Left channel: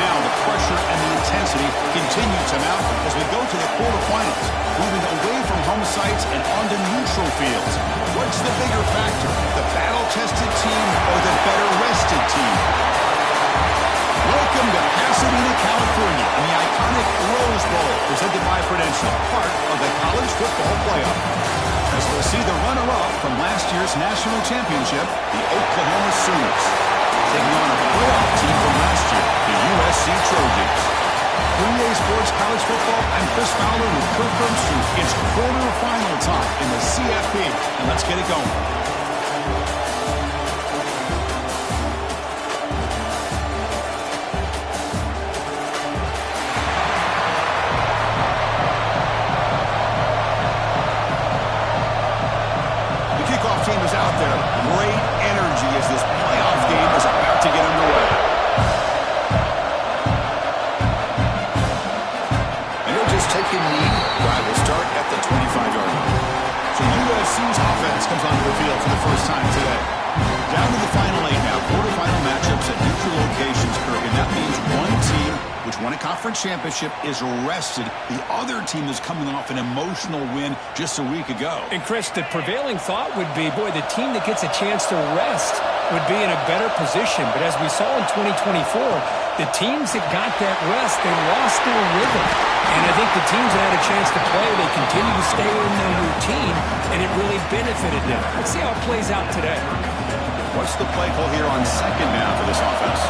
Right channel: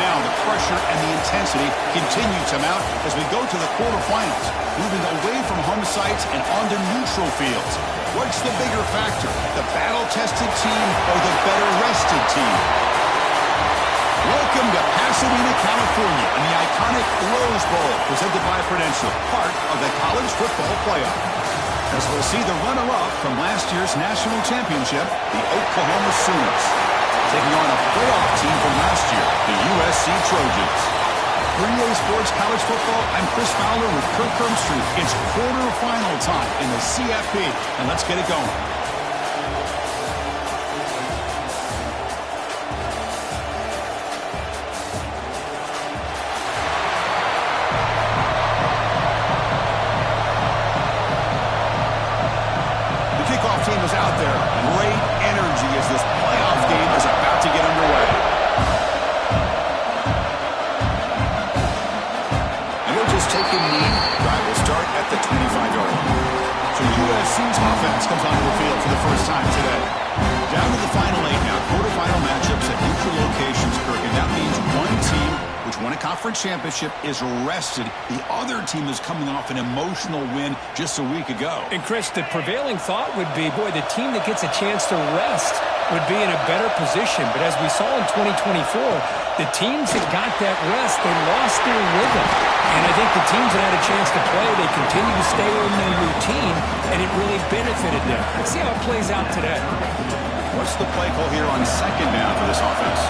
now the pressure and the intensity continue to mount as we go to the quarterfinals, moving away from home sites and onto neutral fields. What's the bigger factor, the battle-tested team or the better-rested team? Welcome to Pasadena, California, and the iconic Rose Bowl, presented by Prudential, part of the College Football Playoff. As we'll see the runner-up from last year's national championship, the Oklahoma Sooners, taking on a playoff team from last year, the USC Trojans. For EA Sports College Football, I'm Chris Fowler with Kirk Herbstreit. It's quarterfinal time in the CFP, and let's get it going. Team is out there. Great energy as this playoff game is about to get underway. And he'll just take a knee. Drive will start at the 25-yard line. So USC's offense comes onto the field for the first time today. Down to the final 8 now. Quarterfinal matchups at neutral locations, Kirk. And that means one team, which won a conference championship, is rested. The other team is coming off an emotional win just a week ago. And, Chris, the prevailing thought would be, boy, the team that gets a chance to rest would be in a better position. But as we saw in 2024, the teams that got that rest, they lost their rhythm. And I think the teams that had a chance to play, they continue to stay in their routine, and it really benefited them. Let's see how it plays out today. What's the play call here on second down for this offense?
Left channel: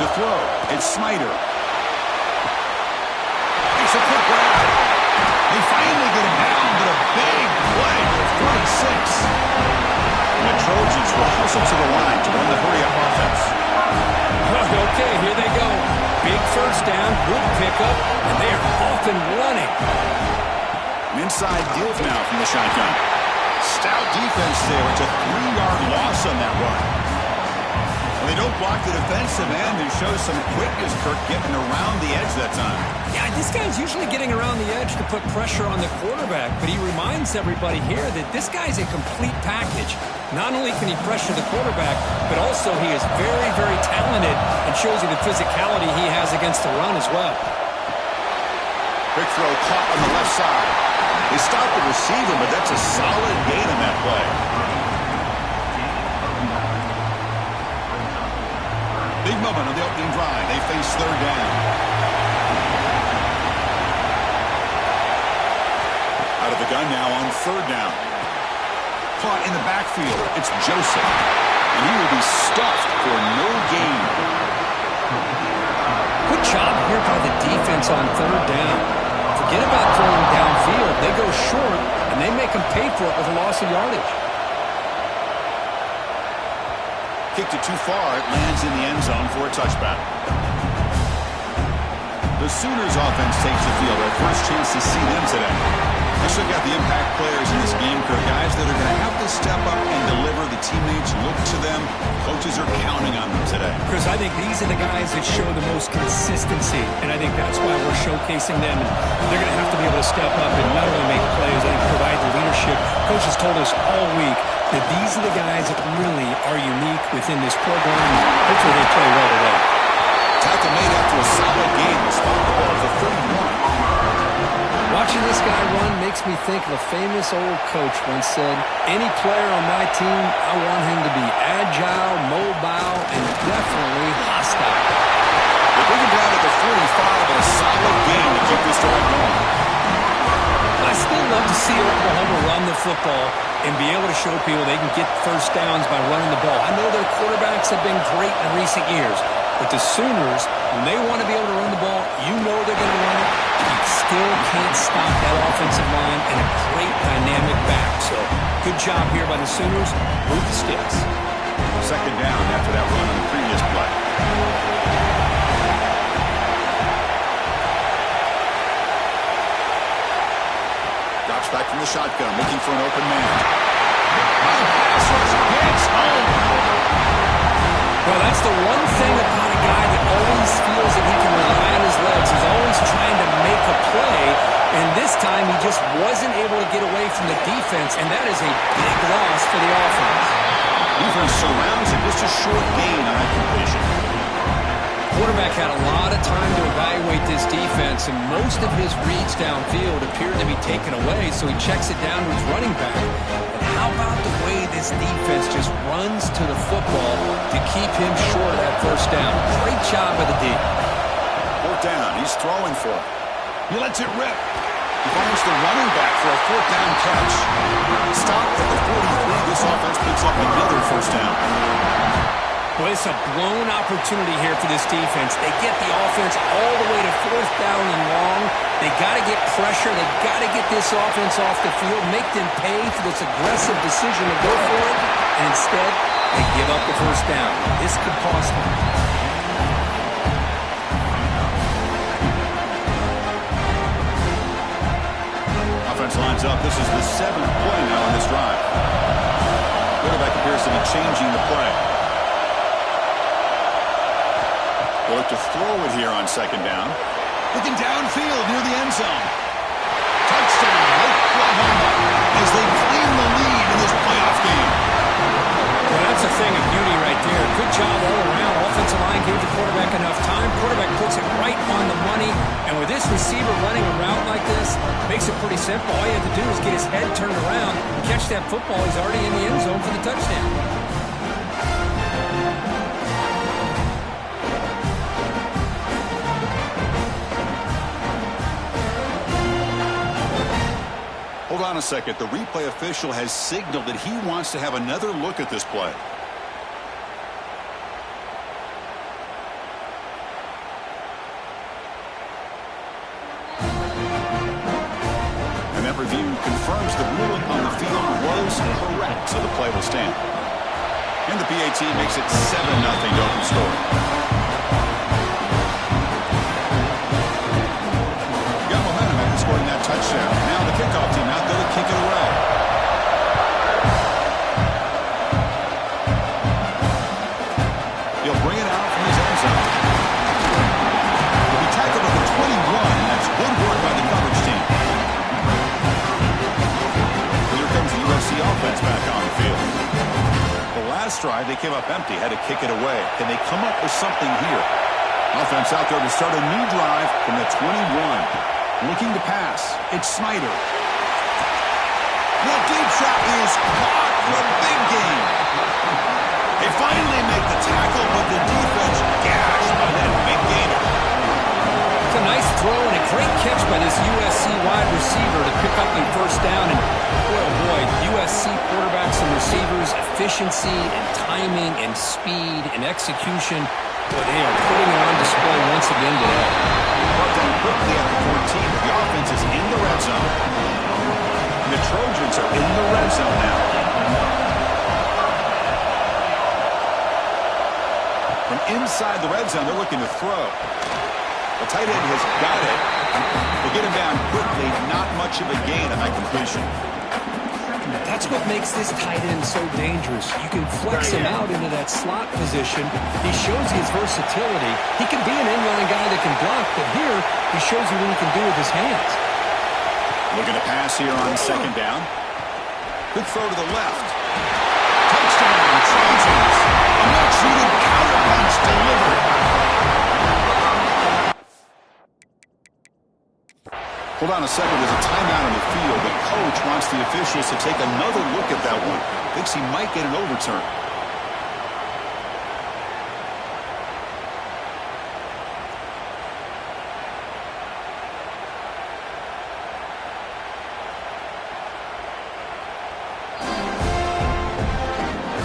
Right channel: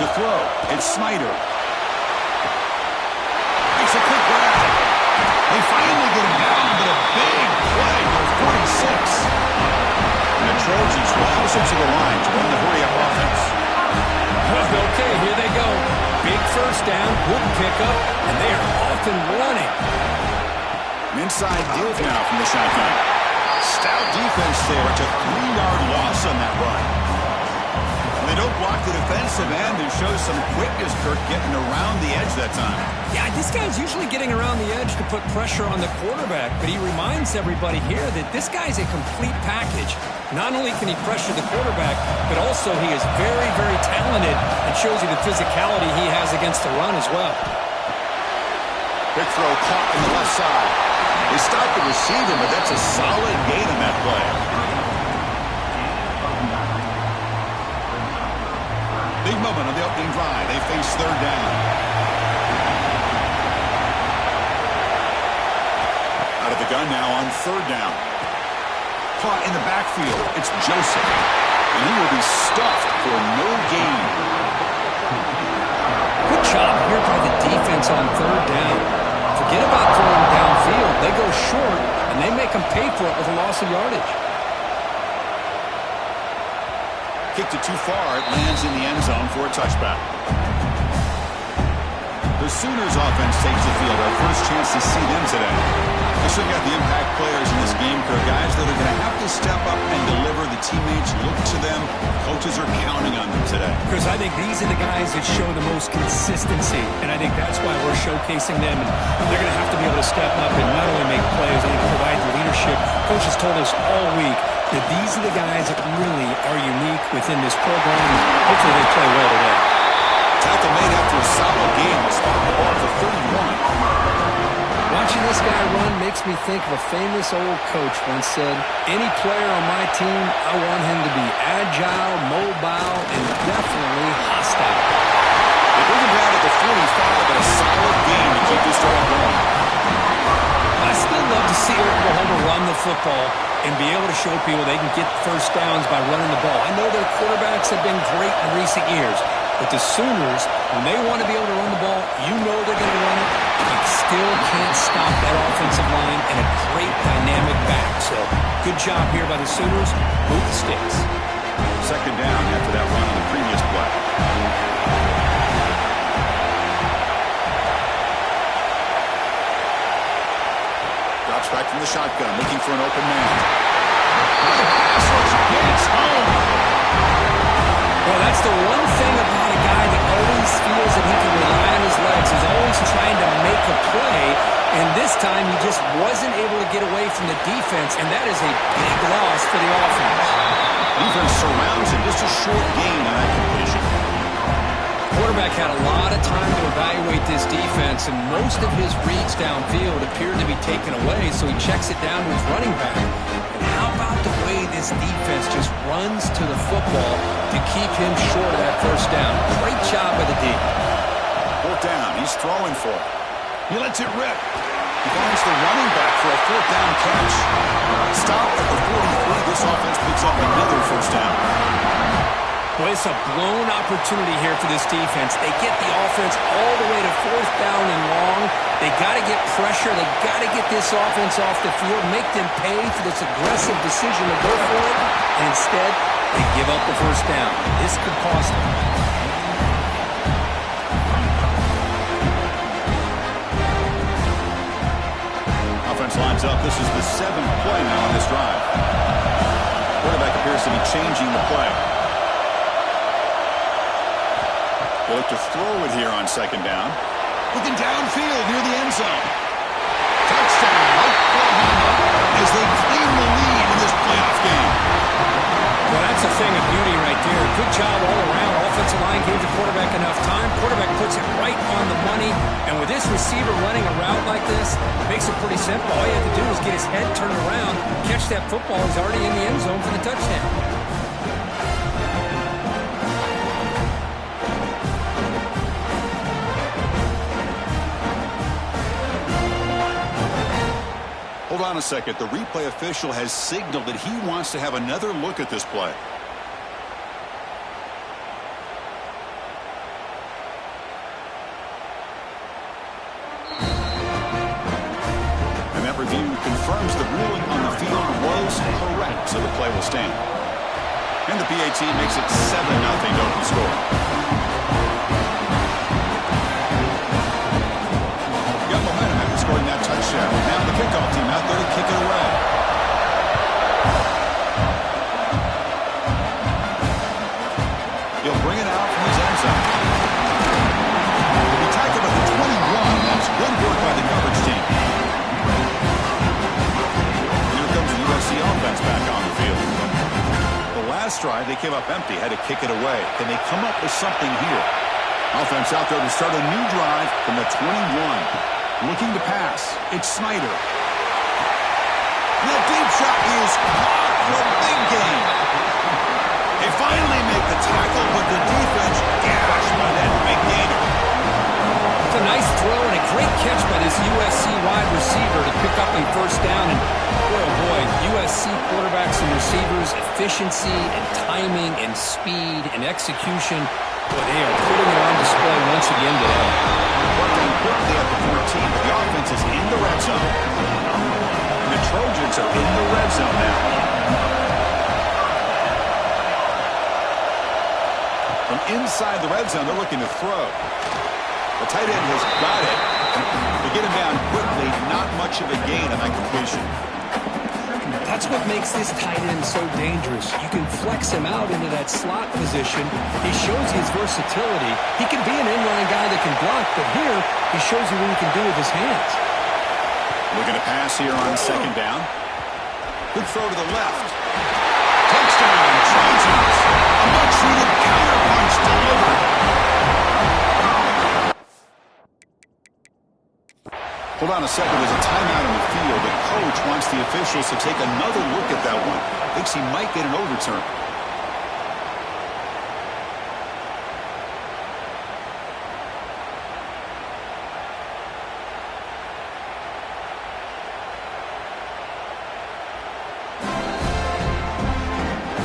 To throw, it's Snyder. Makes a quick grab. They finally get him down, but a big play to the 46. And the Trojans will hustle to the line to run the hurry-up offense. Okay, here they go. Big first down, good pickup, and they are off and running. An inside give now from the shotgun. Stout defense there. It's a 3-yard loss on that run. Well, they don't block the defensive end and show some quickness, Kirk, getting around the edge that time. Yeah, this guy's usually getting around the edge to put pressure on the quarterback, but he reminds everybody here that this guy's a complete package. Not only can he pressure the quarterback, but also he is very, very talented and shows you the physicality he has against the run as well. Quick throw caught on the left side. They stopped the receiver, but that's a solid gain on that play. Big moment on the opening drive. They face third down. Out of the gun now on third down. Caught in the backfield. It's Joseph. And he will be stuffed for no gain. Good job here by the defense on third down. Forget about throwing downfield. They go short, and they make them pay for it with a loss of yardage. Kicked it too far. It lands in the end zone for a touchback. The Sooners offense takes the field. Our first chance to see them today. Let's look at the impact players in this game, Kirk. Guys that are going to have to step up and deliver. The teammates look to them. Coaches are counting on them today. Because I think these are the guys that show the most consistency, and I think that's why we're showcasing them. And they're going to have to be able to step up and not only make plays, I think provide the leadership. Coach has told us all week that these are the guys that really are unique within this program. Hopefully they play well today. Tackle made after a solid game. Will spot the ball at the 31. Watching this guy run makes me think of a famous old coach once said, any player on my team, I want him to be agile, mobile, and definitely hostile. They bring him down at the 45, but a solid game to keep this drive going. I still love to see Oklahoma run the football and be able to show people they can get first downs by running the ball. I know their quarterbacks have been great in recent years, but the Sooners, when they want to be able to run the ball, you know they're going to run it. You still can't stop that offensive line and a great dynamic back. So, good job here by the Sooners. Move the sticks. Second down after that run on the previous play. Drops back from the shotgun, looking for an open man. High pass rush gets home. Well, that's the one thing about a guy that always feels that he can rely on his legs. He's always trying to make a play, and this time he just wasn't able to get away from the defense, and that is a big loss for the offense. Defense surrounds him. Just a short gain on that completion. Quarterback had a lot of time to evaluate this defense, and most of his reads downfield appeared to be taken away, so he checks it down to his running back. And how about the way this defense just runs to the football to keep him short of that first down? Great job by the D. Fourth down. He's throwing for it. He lets it rip. He finds the running back for a fourth down catch. Stopped at the 43. This offense picks up another first down. Well, it's a blown opportunity here for this defense. They get the offense all the way to fourth down and long. They got to get pressure. They got to get this offense off the field, make them pay for this aggressive decision to go for it. And instead, they give up the first down. This could cost them. Offense lines up. This is the 7th play now on this drive. Quarterback appears to be changing the play. They'll look to throw it here on second down. Looking downfield near the end zone. Touchdown, Oklahoma, as they claim the lead in this playoff game. Well, that's a thing of beauty right there. Good job all around. Offensive line gave the quarterback enough time. Quarterback puts it right on the money. And with this receiver running a route like this, makes it pretty simple. All you have to do is get his head turned around, catch that football. He's already in the end zone for the touchdown. Hold on a second. The replay official has signaled that he wants to have another look at this play. And that review confirms the ruling on the field was correct, so the play will stand. And the PAT makes it 7-0 open score. Scoring that touchdown. Now the kickoff team out there to kick it away. He'll bring it out from his end zone. He'll be tackled at the 21. That's good work by the coverage team. And here comes the USC offense back on the field. The last drive, they came up empty, had to kick it away. Can they come up with something here? Offense out there to start a new drive from the 21. Looking to pass. It's Snyder. The deep shot is caught for a big gain. They finally make the tackle, but the defense gashed by that big gainer. It's a nice throw and a great catch by this USC wide receiver to pick up a first down. And boy, oh boy, USC quarterbacks and receivers, efficiency and timing and speed and execution. Boy, they are putting it on display once again today. Brought down quickly at the 14, but the offense is in the red zone. And the Trojans are in the red zone now. From inside the red zone, they're looking to throw. The tight end has got it. They get him down quickly. Not much of a gain on that completion. That's what makes this tight end so dangerous. You can flex him out into that slot position. He shows his versatility. He can be an inline guy that can block, but here he shows you what he can do with his hands. Looking to pass here on second down. Good throw to the left. Touchdown, Trojans. A much-needed counterpunch delivered. Hold on a second. There's a timeout on the field. The coach wants the officials to take another look at that one. Thinks he might get an overturn.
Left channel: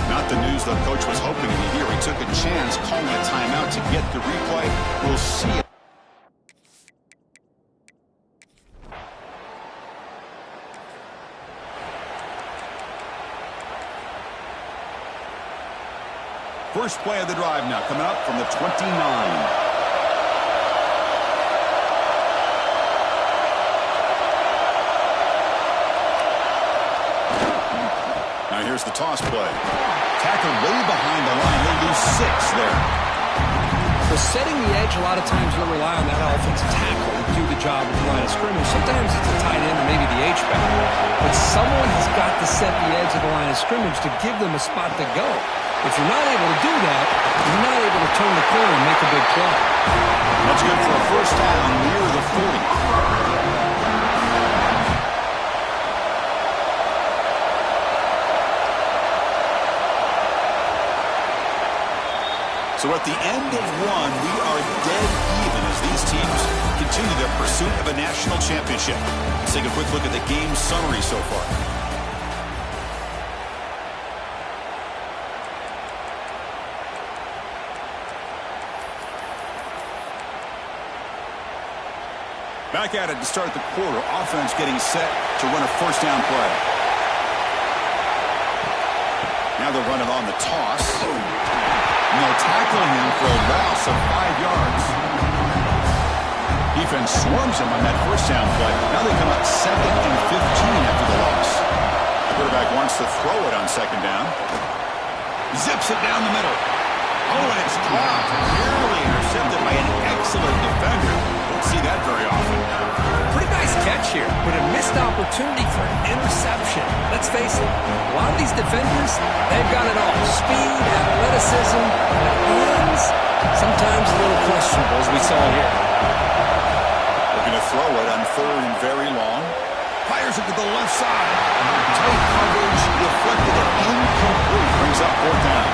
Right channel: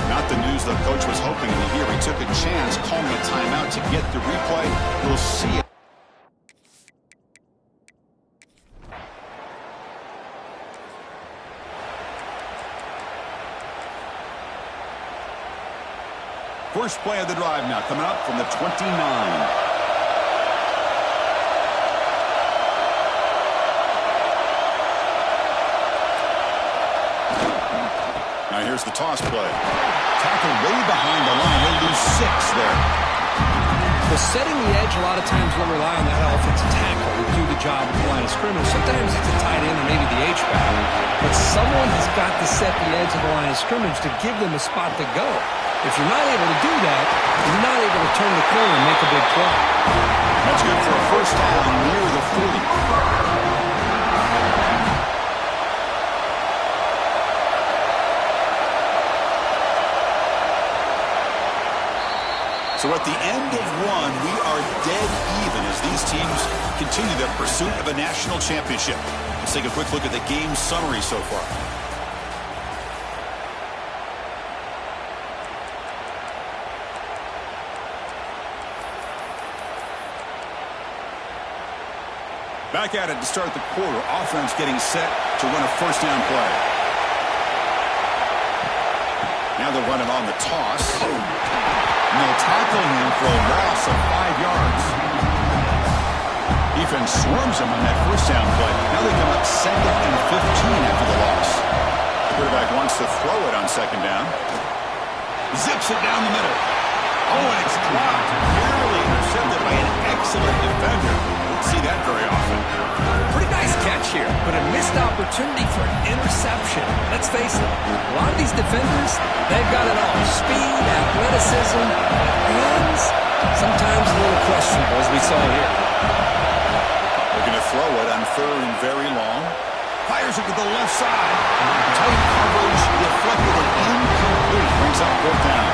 Not the news the coach was hoping to hear. He took a chance calling a timeout to get the replay. We'll see it. First play of the drive now coming up from the 29. Now here's the toss play. Tackled way behind the line. They lose 6 there. Well, setting the edge, a lot of times you'll rely on that offensive tackle to do the job at the line of scrimmage. Sometimes it's a tight end or maybe the H-back. But someone has got to set the edge of the line of scrimmage to give them a spot to go. If you're not able to do that, you're not able to turn the corner and make a big play. That's good for a first down near the 40. So at the end of one, we are dead even as these teams continue their pursuit of a national championship. Let's take a quick look at the game summary so far. Back at it to start the quarter. Offense getting set to run a first down play. Now they're running on the toss. And they'll tackle him for a loss of 5 yards. Defense swarms him on that first down play. Now they come up 2nd and 15 after the loss. The quarterback wants to throw it on 2nd down. Zips it down the middle. Oh, and it's dropped. Nearly intercepted by an excellent defender. Don't see that very often. Pretty nice catch here, but a missed opportunity for an interception. Let's face it, a lot of these defenders, they've got it all. Speed, athleticism, but hands, sometimes a little questionable, as we saw here. Looking to throw it on 3rd and very long. Fires it to the left side. Tight coverage, deflected and incomplete. Brings up 4th down.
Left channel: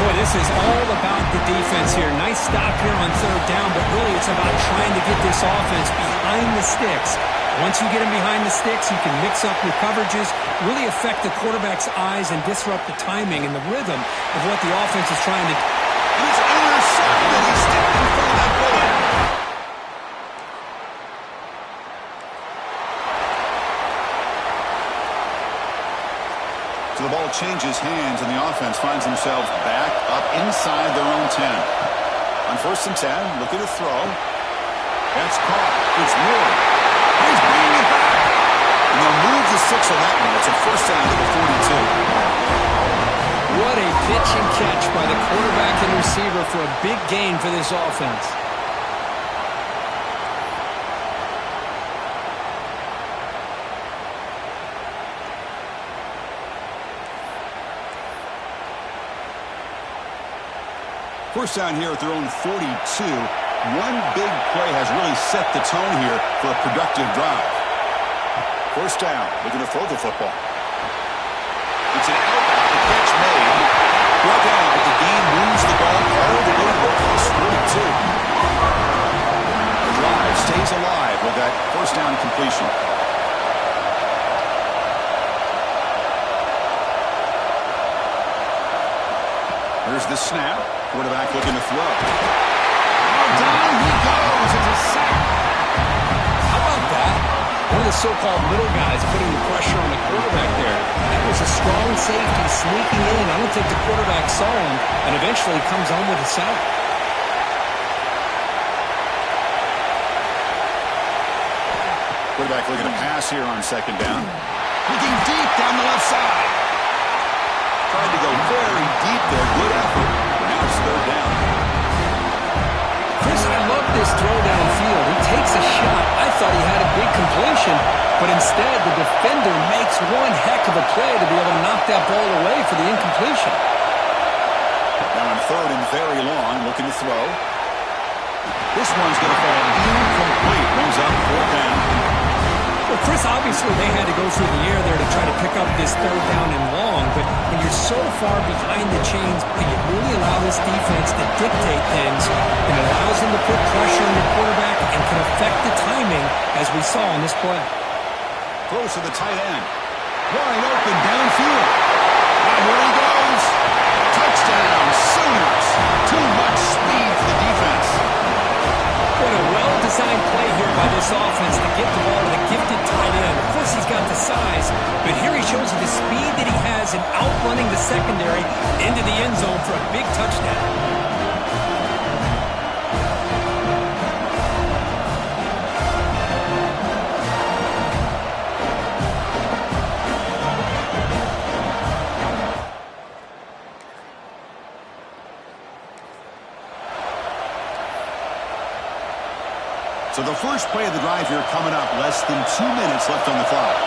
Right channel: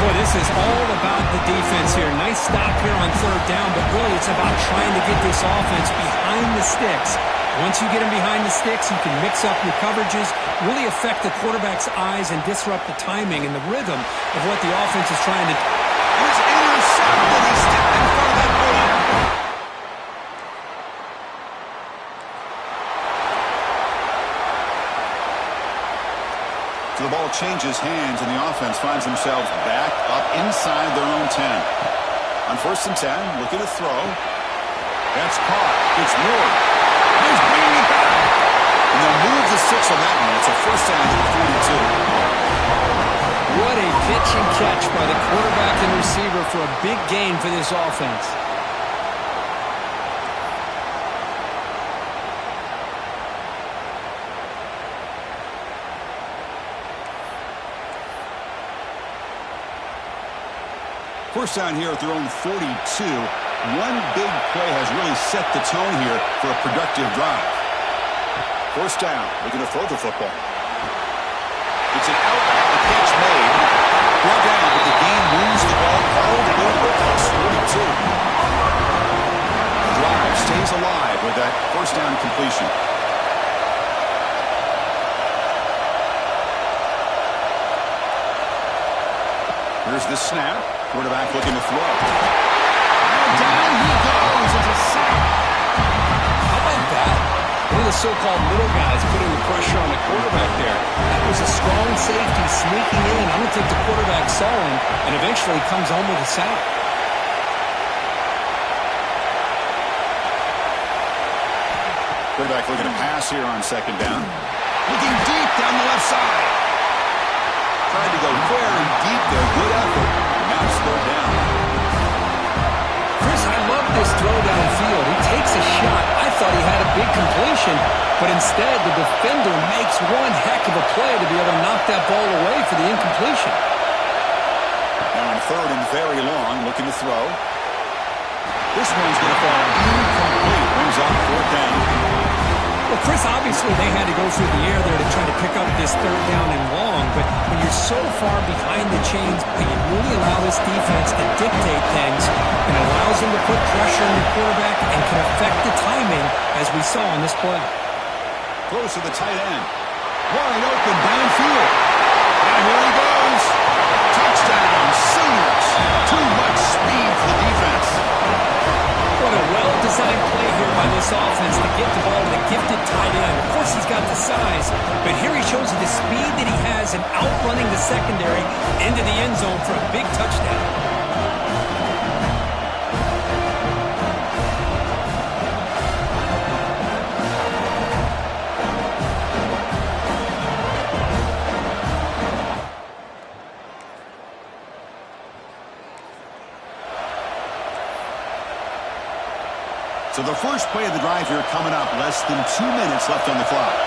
Boy, this is all about the defense here. Nice stop here on 3rd down, but really it's about trying to get this offense behind the sticks. Once you get them behind the sticks, you can mix up your coverages, really affect the quarterback's eyes and disrupt the timing and the rhythm of what the offense is trying to do. And it's intercepted. He stepped in front of that bullet. So the ball changes hands, and the offense finds themselves back up inside their own 10. On 1st and 10, looking to throw. That's caught. It's Ward. He's bringing it back. And they'll move the 6 on that one. It's a first down to the 42. What a pitch and catch by the quarterback and receiver for a big gain for this offense. First down here at their own 42. One big play has really set the tone here for a productive drive. First down, looking to throw the football. It's an outbound, the catch made. Brought down, but the game moves the ball all the way to plus 42. The drive stays alive with that first down completion. Here's the snap. Quarterback looking to throw. Now down he goes. It's a sack. How about that? One of the so-called little guys putting the pressure on the quarterback there. That was a strong safety sneaking in. I don't think the quarterback saw him, and eventually comes home with a sack. Quarterback looking to pass here on 2nd down. Looking deep down the left side. Tried to go very deep there. Good effort. Now it's 3rd down. Chris, I love this throw downfield. He takes a shot. I thought he had a big completion, but instead the defender makes one heck of a play to be able to knock that ball away for the incompletion. Now on 3rd and very long, looking to throw. This one's going to fall incomplete. Brings up 4th down. Well, Chris, obviously they had to go through the air there to try to pick up this 3rd down and long, but when you're so far behind the chains, you really allow this defense to dictate things, and it allows them to put pressure on your quarterback and can affect the timing, as we saw in this play. Close to the tight end. Wide open downfield. Now here he goes. Touchdown, Sooners. Too much speed for the defense. What a well-designed play here by this offense to get the ball to the gifted tight end. Of course, he's got the size, but here he shows you the speed that he has in outrunning the secondary into the end zone for a big touchdown. So the first play of the drive here coming up, less than 2 minutes left on the clock.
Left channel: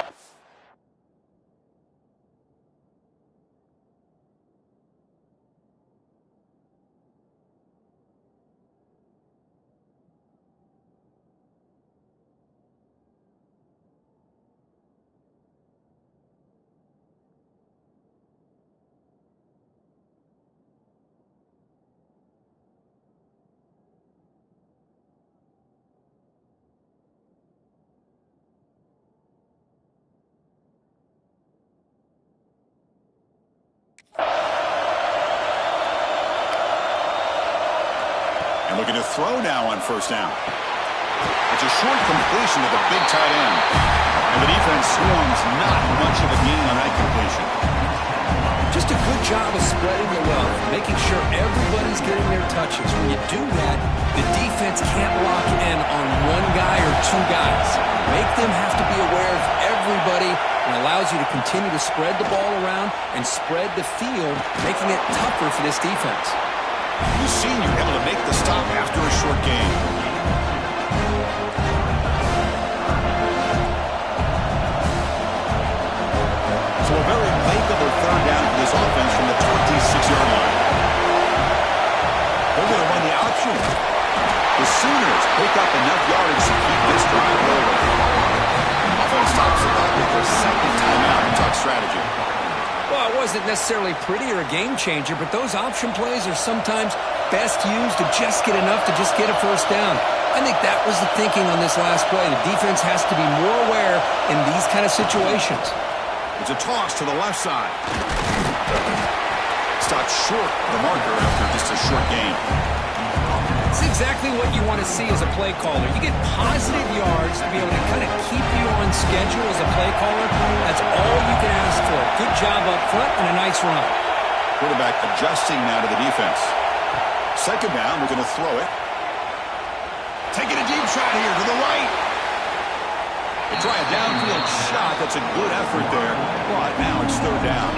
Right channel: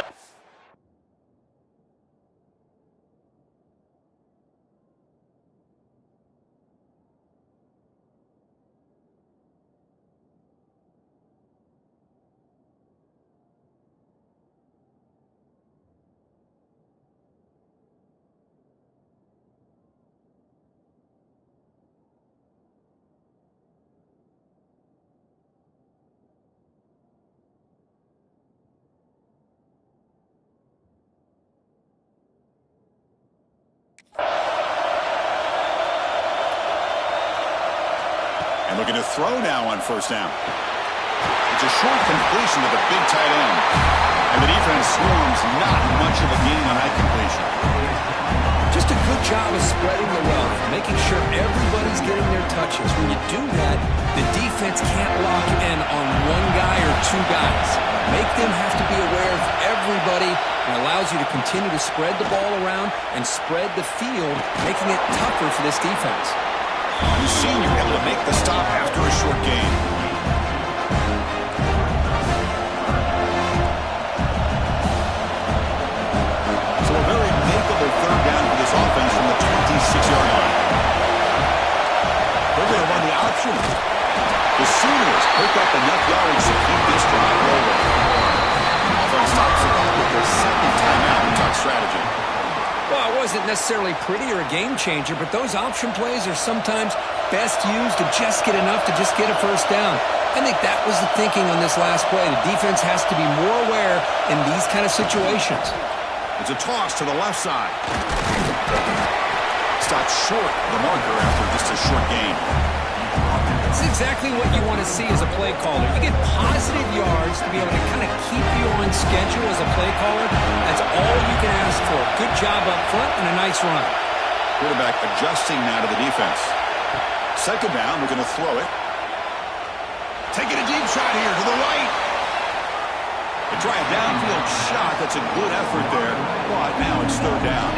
And looking to throw now on first down. It's a short completion to the big tight end. And the defense swarms not much of a gain on that completion. Just a good job of spreading the wealth, making sure everybody's getting their touches. When you do that, the defense can't lock in on one guy or two guys. Make them have to be aware of everybody, and allows you to continue to spread the ball around and spread the field, making it tougher for this defense. You've seen you're able to make the stop after a short gain. So a very makeable third down for this offense from the 26-yard line. They're going to run the option. The Sooners pick up enough yardage to keep this drive rolling. Offense stops the clock with their second timeout and talk strategy. Well, it wasn't necessarily pretty or a game changer, but those option plays are sometimes best used to just get enough to just get a first down. I think that was the thinking on this last play. The defense has to be more aware in these kind of situations. It's a toss to the left side. Stopped short of the marker after just a short gain. It's exactly what you want to see as a play caller. You get positive yards to be able to kind of keep you on schedule as a play caller. That's all you can ask for. Good job up front and a nice run. Quarterback adjusting now to the defense. Second down, we're going to throw it. Taking a deep shot here to the right. They try a downfield shot. That's a good effort there, but now it's third down.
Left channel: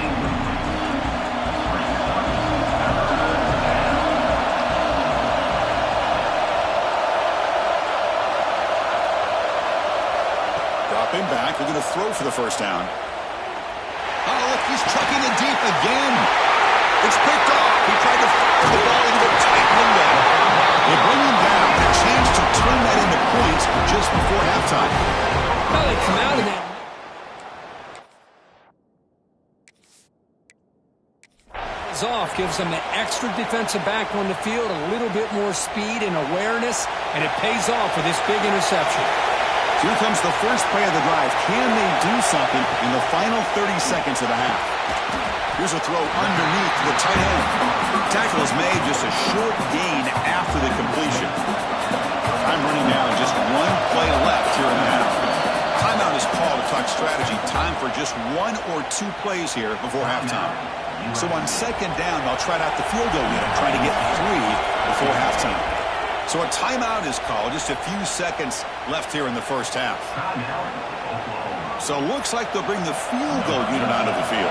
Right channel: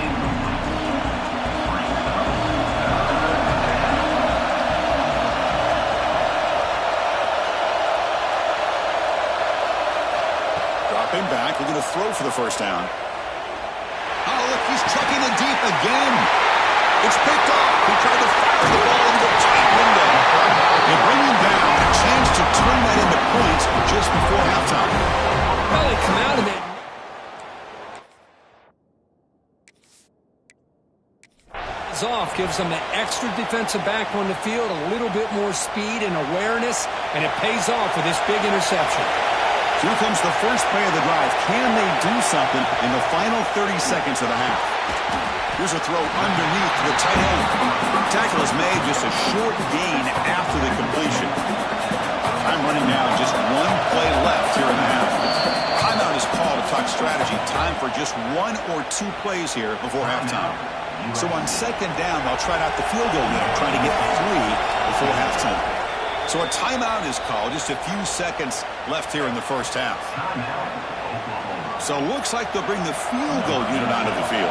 Dropping back, we're going to throw for the first down. Oh, look, he's trucking it deep again. It's picked off. He tried to fire the ball into a tight window. They bring him down. A chance to turn that into points just before halftime. Well, they come out and then is off, gives them an extra defensive back on the field, a little bit more speed and awareness, and it pays off with this big interception. Here comes the first play of the drive. Can they do something in the final 30 seconds of the half? Here's a throw underneath to the tight end. Tackle is made, just a short gain after the completion. Time running down, just one play left here in the half. Timeout is called to talk strategy. Time for just one or two plays here before halftime. So on second down, they'll try out the field goal unit, trying to get 3 before halftime. So a timeout is called, just a few seconds left here in the first half. So it looks like they'll bring the field goal unit onto the field.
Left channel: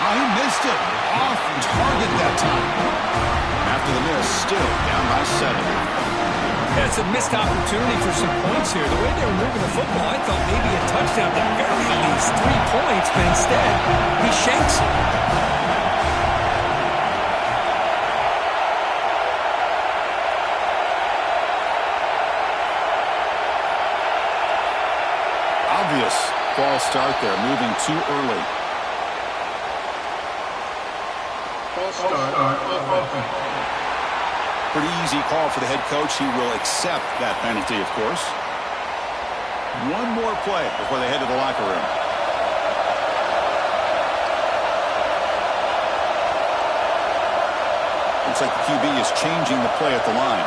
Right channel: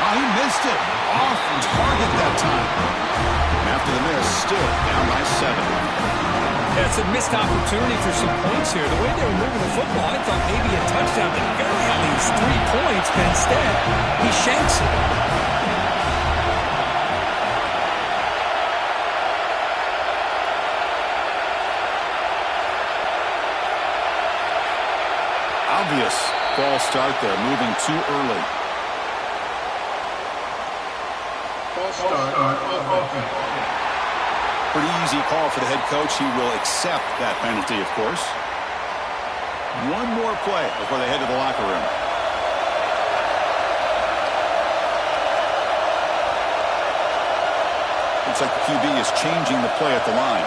Oh, he missed it. Off target that time. And after the miss, still down by 7. Yeah, it's a missed opportunity for some points here. The way they were moving the football, I thought maybe a touchdown, at the very least 3 points, but instead, he shanks it. Obvious false start there, moving too early. False start. Pretty easy call for the head coach. He will accept that penalty, of course. One more play before they head to the locker room. Looks like the QB is changing the play at the line.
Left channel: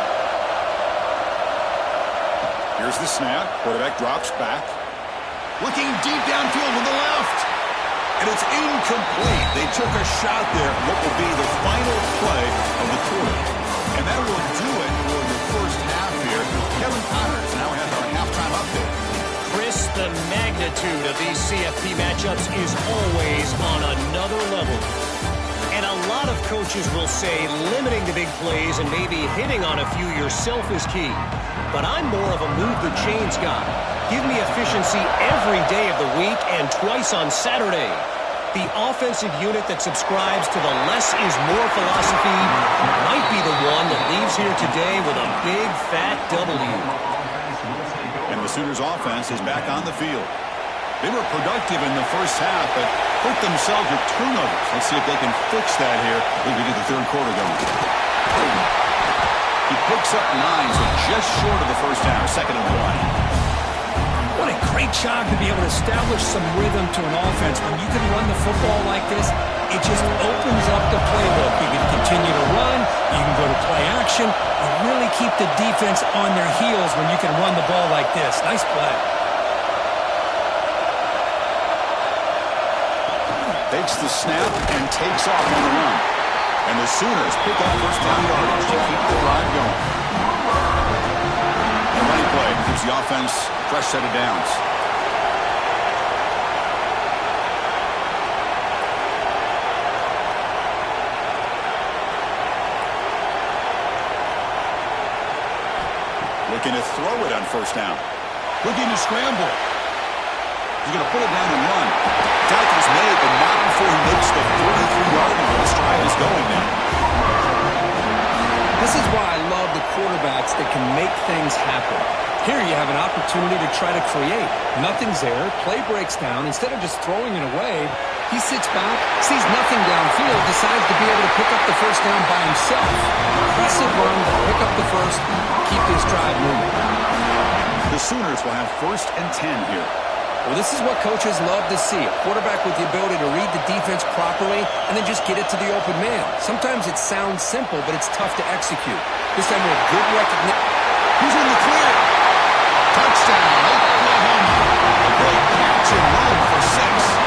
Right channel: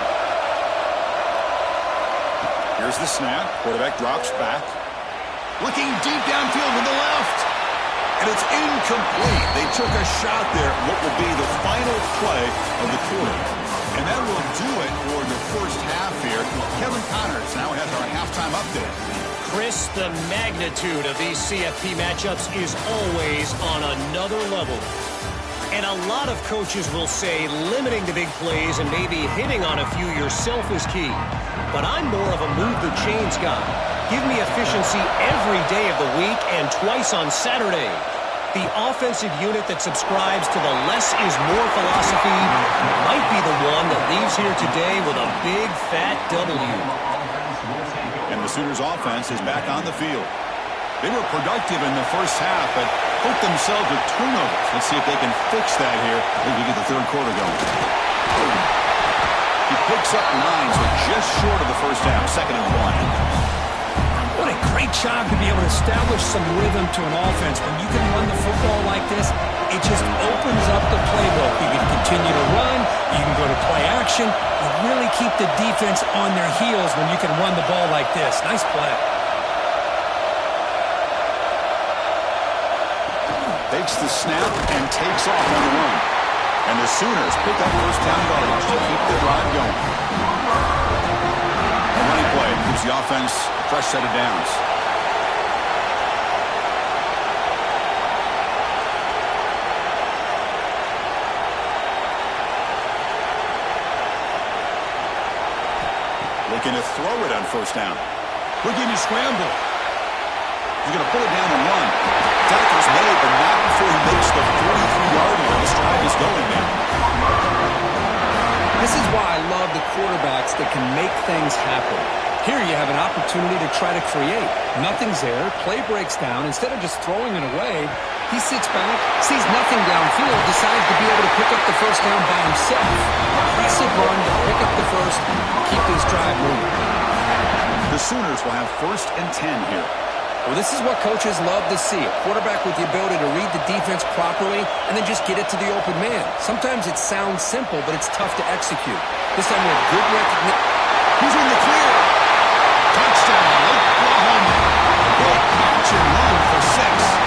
Here's the snap. Quarterback drops back. Looking deep downfield to the left. And it's incomplete. They took a shot there. What will be the final play of the quarter. And that will do it for the first half here. Kevin Connors now has our halftime update. Chris, the magnitude of these CFP matchups is always on another level. And a lot of coaches will say limiting the big plays and maybe hitting on a few yourself is key. But I'm more of a move the chains guy. Give me efficiency every day of the week and twice on Saturday. The offensive unit that subscribes to the less is more philosophy might be the one that leaves here today with a big fat W. And the Sooners offense is back on the field. They were productive in the first half, but hurt themselves with turnovers. Let's see if they can fix that here as we get the third quarter going. He picks up 9, so just short of the first half, 2nd and 1. What a great job to be able to establish some rhythm to an offense. When you can run the football like this, it just opens up the playbook. You can continue to run. You can go to play action. You really keep the defense on their heels when you can run the ball like this. Nice play. Takes the snap and takes off on the run. And the Sooners pick up first down yardage to keep the drive going. The running play gives the offense a fresh set of downs. Looking to throw it on first down. Looking to scramble. He's going to pull it down and run. Tackle's made, but not before he makes the 43-yard line. This drive is going now. This is why I love the quarterbacks that can make things happen. Here you have an opportunity to try to create. Nothing's there. Play breaks down. Instead of just throwing it away, he sits back, sees nothing downfield, decides to be able to pick up the first down by himself. Impressive run to pick up the first, keep this drive moving. The Sooners will have 1st and 10 here. Well, this is what coaches love to see. A quarterback with the ability to read the defense properly and then just get it to the open man. Sometimes it sounds simple, but it's tough to execute. This time we have good recognition. He's in the clear. Touchdown, Oklahoma. A great catch and run for 6.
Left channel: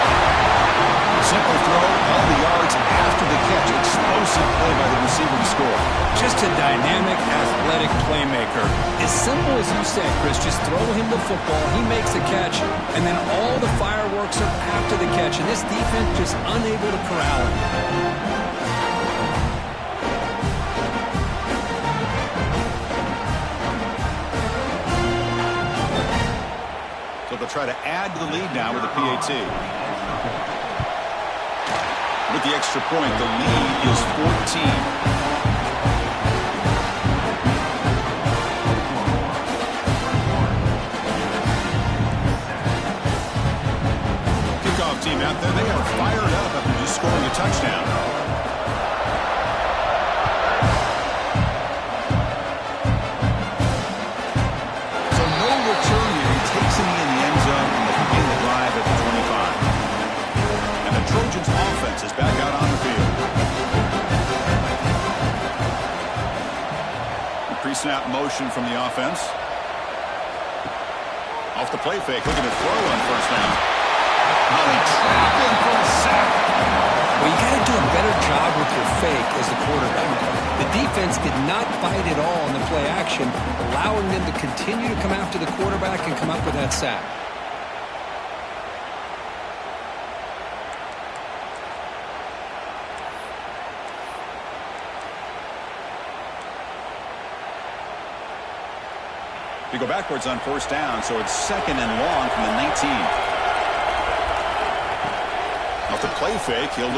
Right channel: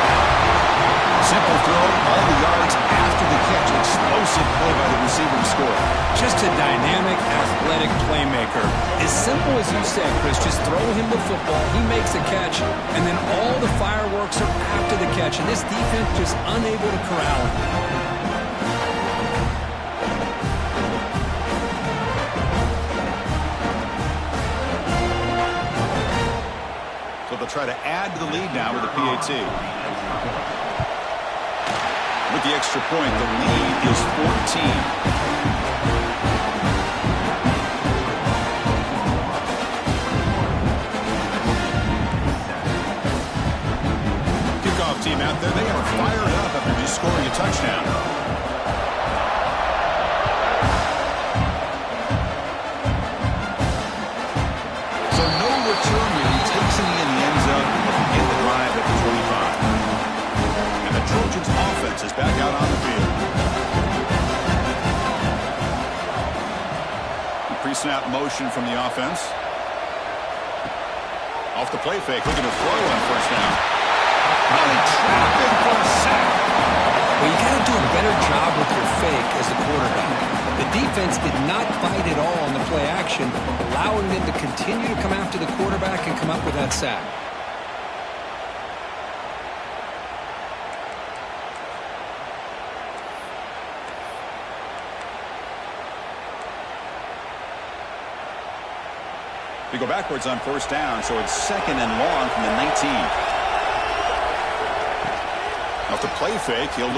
Simple throw, all the yards after the catch. Explosive play by the receiver to score. Just a dynamic, athletic playmaker. As simple as you said, Chris, just throw him the football, he makes a catch, and then all the fireworks are after the catch, and this defense just unable to corral him. So they'll try to add to the lead now with the PAT. With the extra point, the lead is 14. Kickoff team out there, they are fired up after just scoring a touchdown. So no return here. He takes it in the end zone, and they'll begin the drive at the 25. And the Trojans offense is back out on the field. Pre-snap motion from the offense. Off the play fake, looking to throw on first down. Now they trap him for a sack. Well, you got to do a better job with your fake as the quarterback. The defense did not bite at all on the play action, allowing them to continue to come after the quarterback and come up with that sack. They go backwards on first down, so it's 2nd and long from the 19. Off the play fake, he'll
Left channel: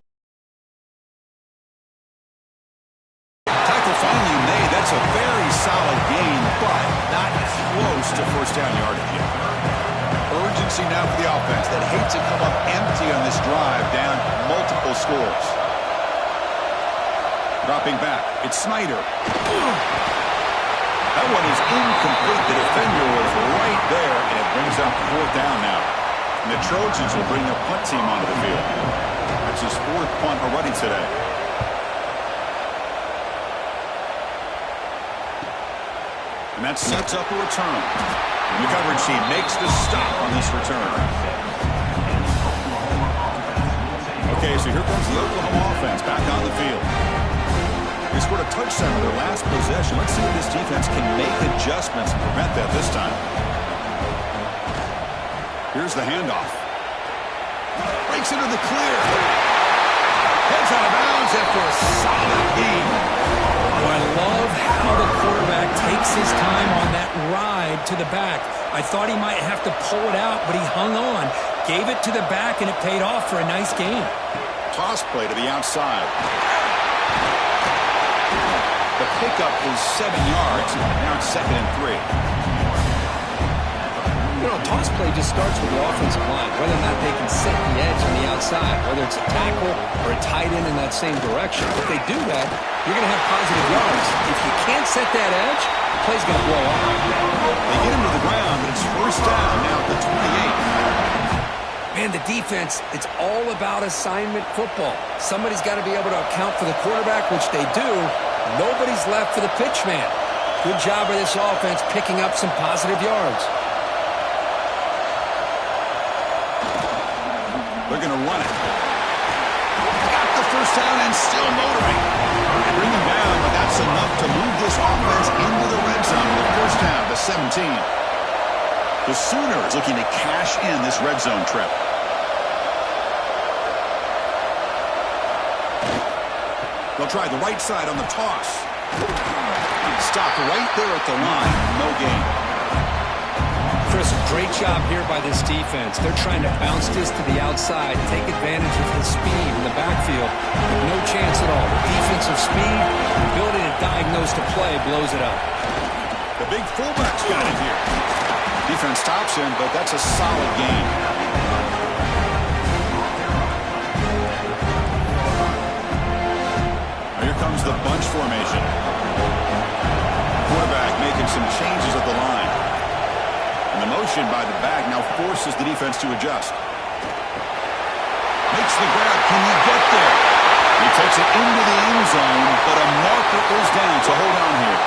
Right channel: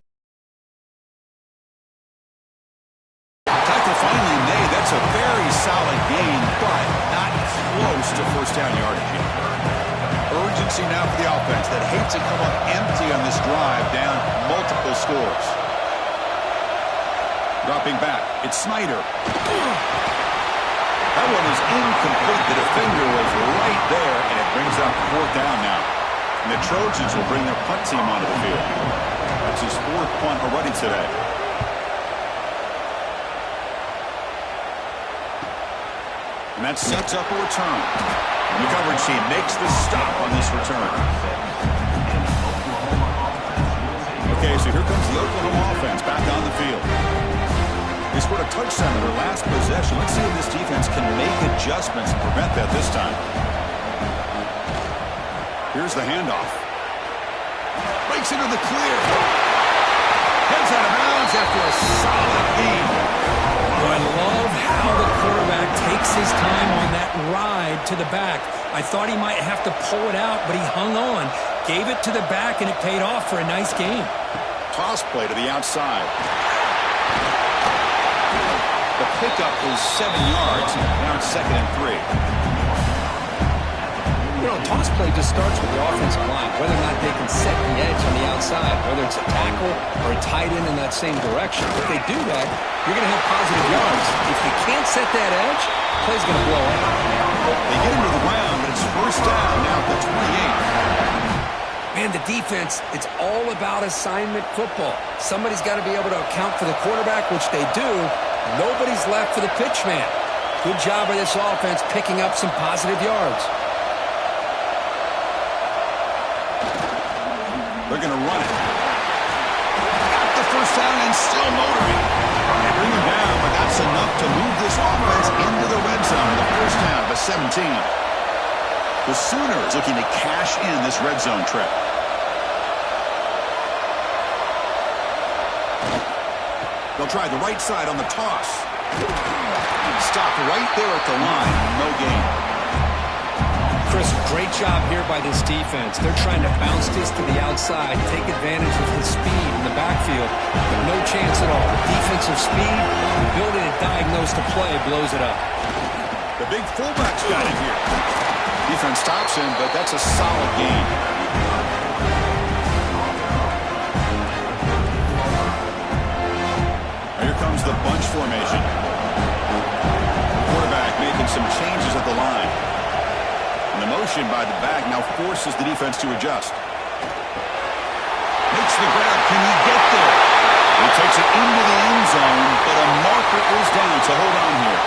tackle finally made. That's a very solid gain, but not close to first down yardage yet. Urgency now for the offense that hates to come up empty on this drive, down multiple scores. Dropping back, it's Snyder. That one is incomplete. The defender was right there, and it brings up 4th down now. And the Trojans will bring their punt team onto the field. That's his 4th punt already today. And that sets up a return. And the coverage team makes the stop on this return. Okay, so here comes the Oklahoma offense back on the field. They scored a touchdown on their last possession. Let's see if this defense can make adjustments and prevent that this time. Here's the handoff. Breaks into the clear. Heads out of bounds after a solid gain. Oh, I love how the quarterback takes his time on that ride to the back. I thought he might have to pull it out, but he hung on, gave it to the back, and it paid off for a nice gain. Toss play to the outside. The pickup is 7 yards. Now it's 2nd and 3. You know, toss play just starts with the offensive line, whether or not they can set the edge on the outside, whether it's a tackle or a tight end in that same direction. If they do that, you're going to have positive yards. If you can't set that edge, play's going to blow up. They get him to the ground, but it's 1st down now at the 28. Man, the defense, it's all about assignment football. Somebody's got to be able to account for the quarterback, which they do. Nobody's left for the pitch man. Good job by this offense picking up some positive yards. They're going to run it. Got the 1st down and still motoring. They bring him down, but that's enough to move this offense into the red zone. The 1st down to 17. The Sooners looking to cash in this red zone trip. They'll try the right side on the toss. Stopped right there at the line. No gain. Chris, great job here by this defense. They're trying to bounce this to the outside, take advantage of his speed in the backfield, but no chance at all. The defensive speed, the ability to diagnose the play blows it up. The big fullback's got it here. Defense stops him, but that's a solid gain. Now here comes the bunch formation. Quarterback making some changes at the line. And the motion by the back now forces the defense to adjust. Makes the grab. Can he get there? He takes it into the end zone, but a marker is down, so hold on here.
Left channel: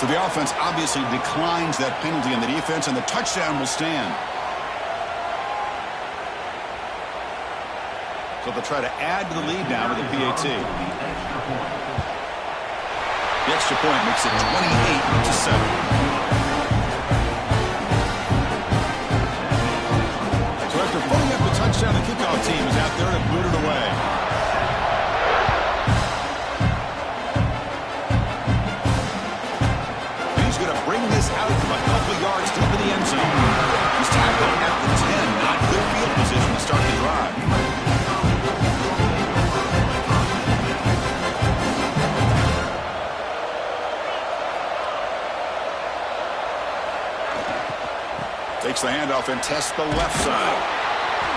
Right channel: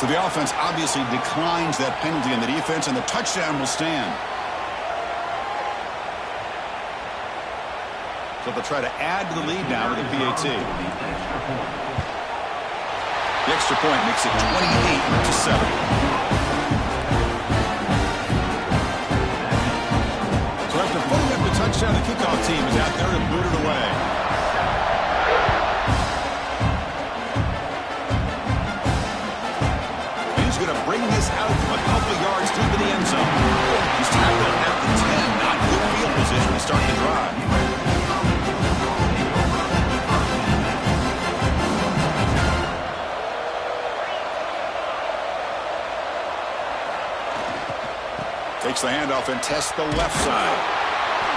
So the offense obviously declines that penalty on the defense, and the touchdown will stand. So they'll try to add to the lead now with a PAT. The extra point makes it 28-7. So after putting up the touchdown, the kickoff team is out there to boot it away. And he's going to bring this out from a couple of yards deep in the end zone. He's tackled at the 10. Not good field position to start the drive. Takes the handoff and tests the left side.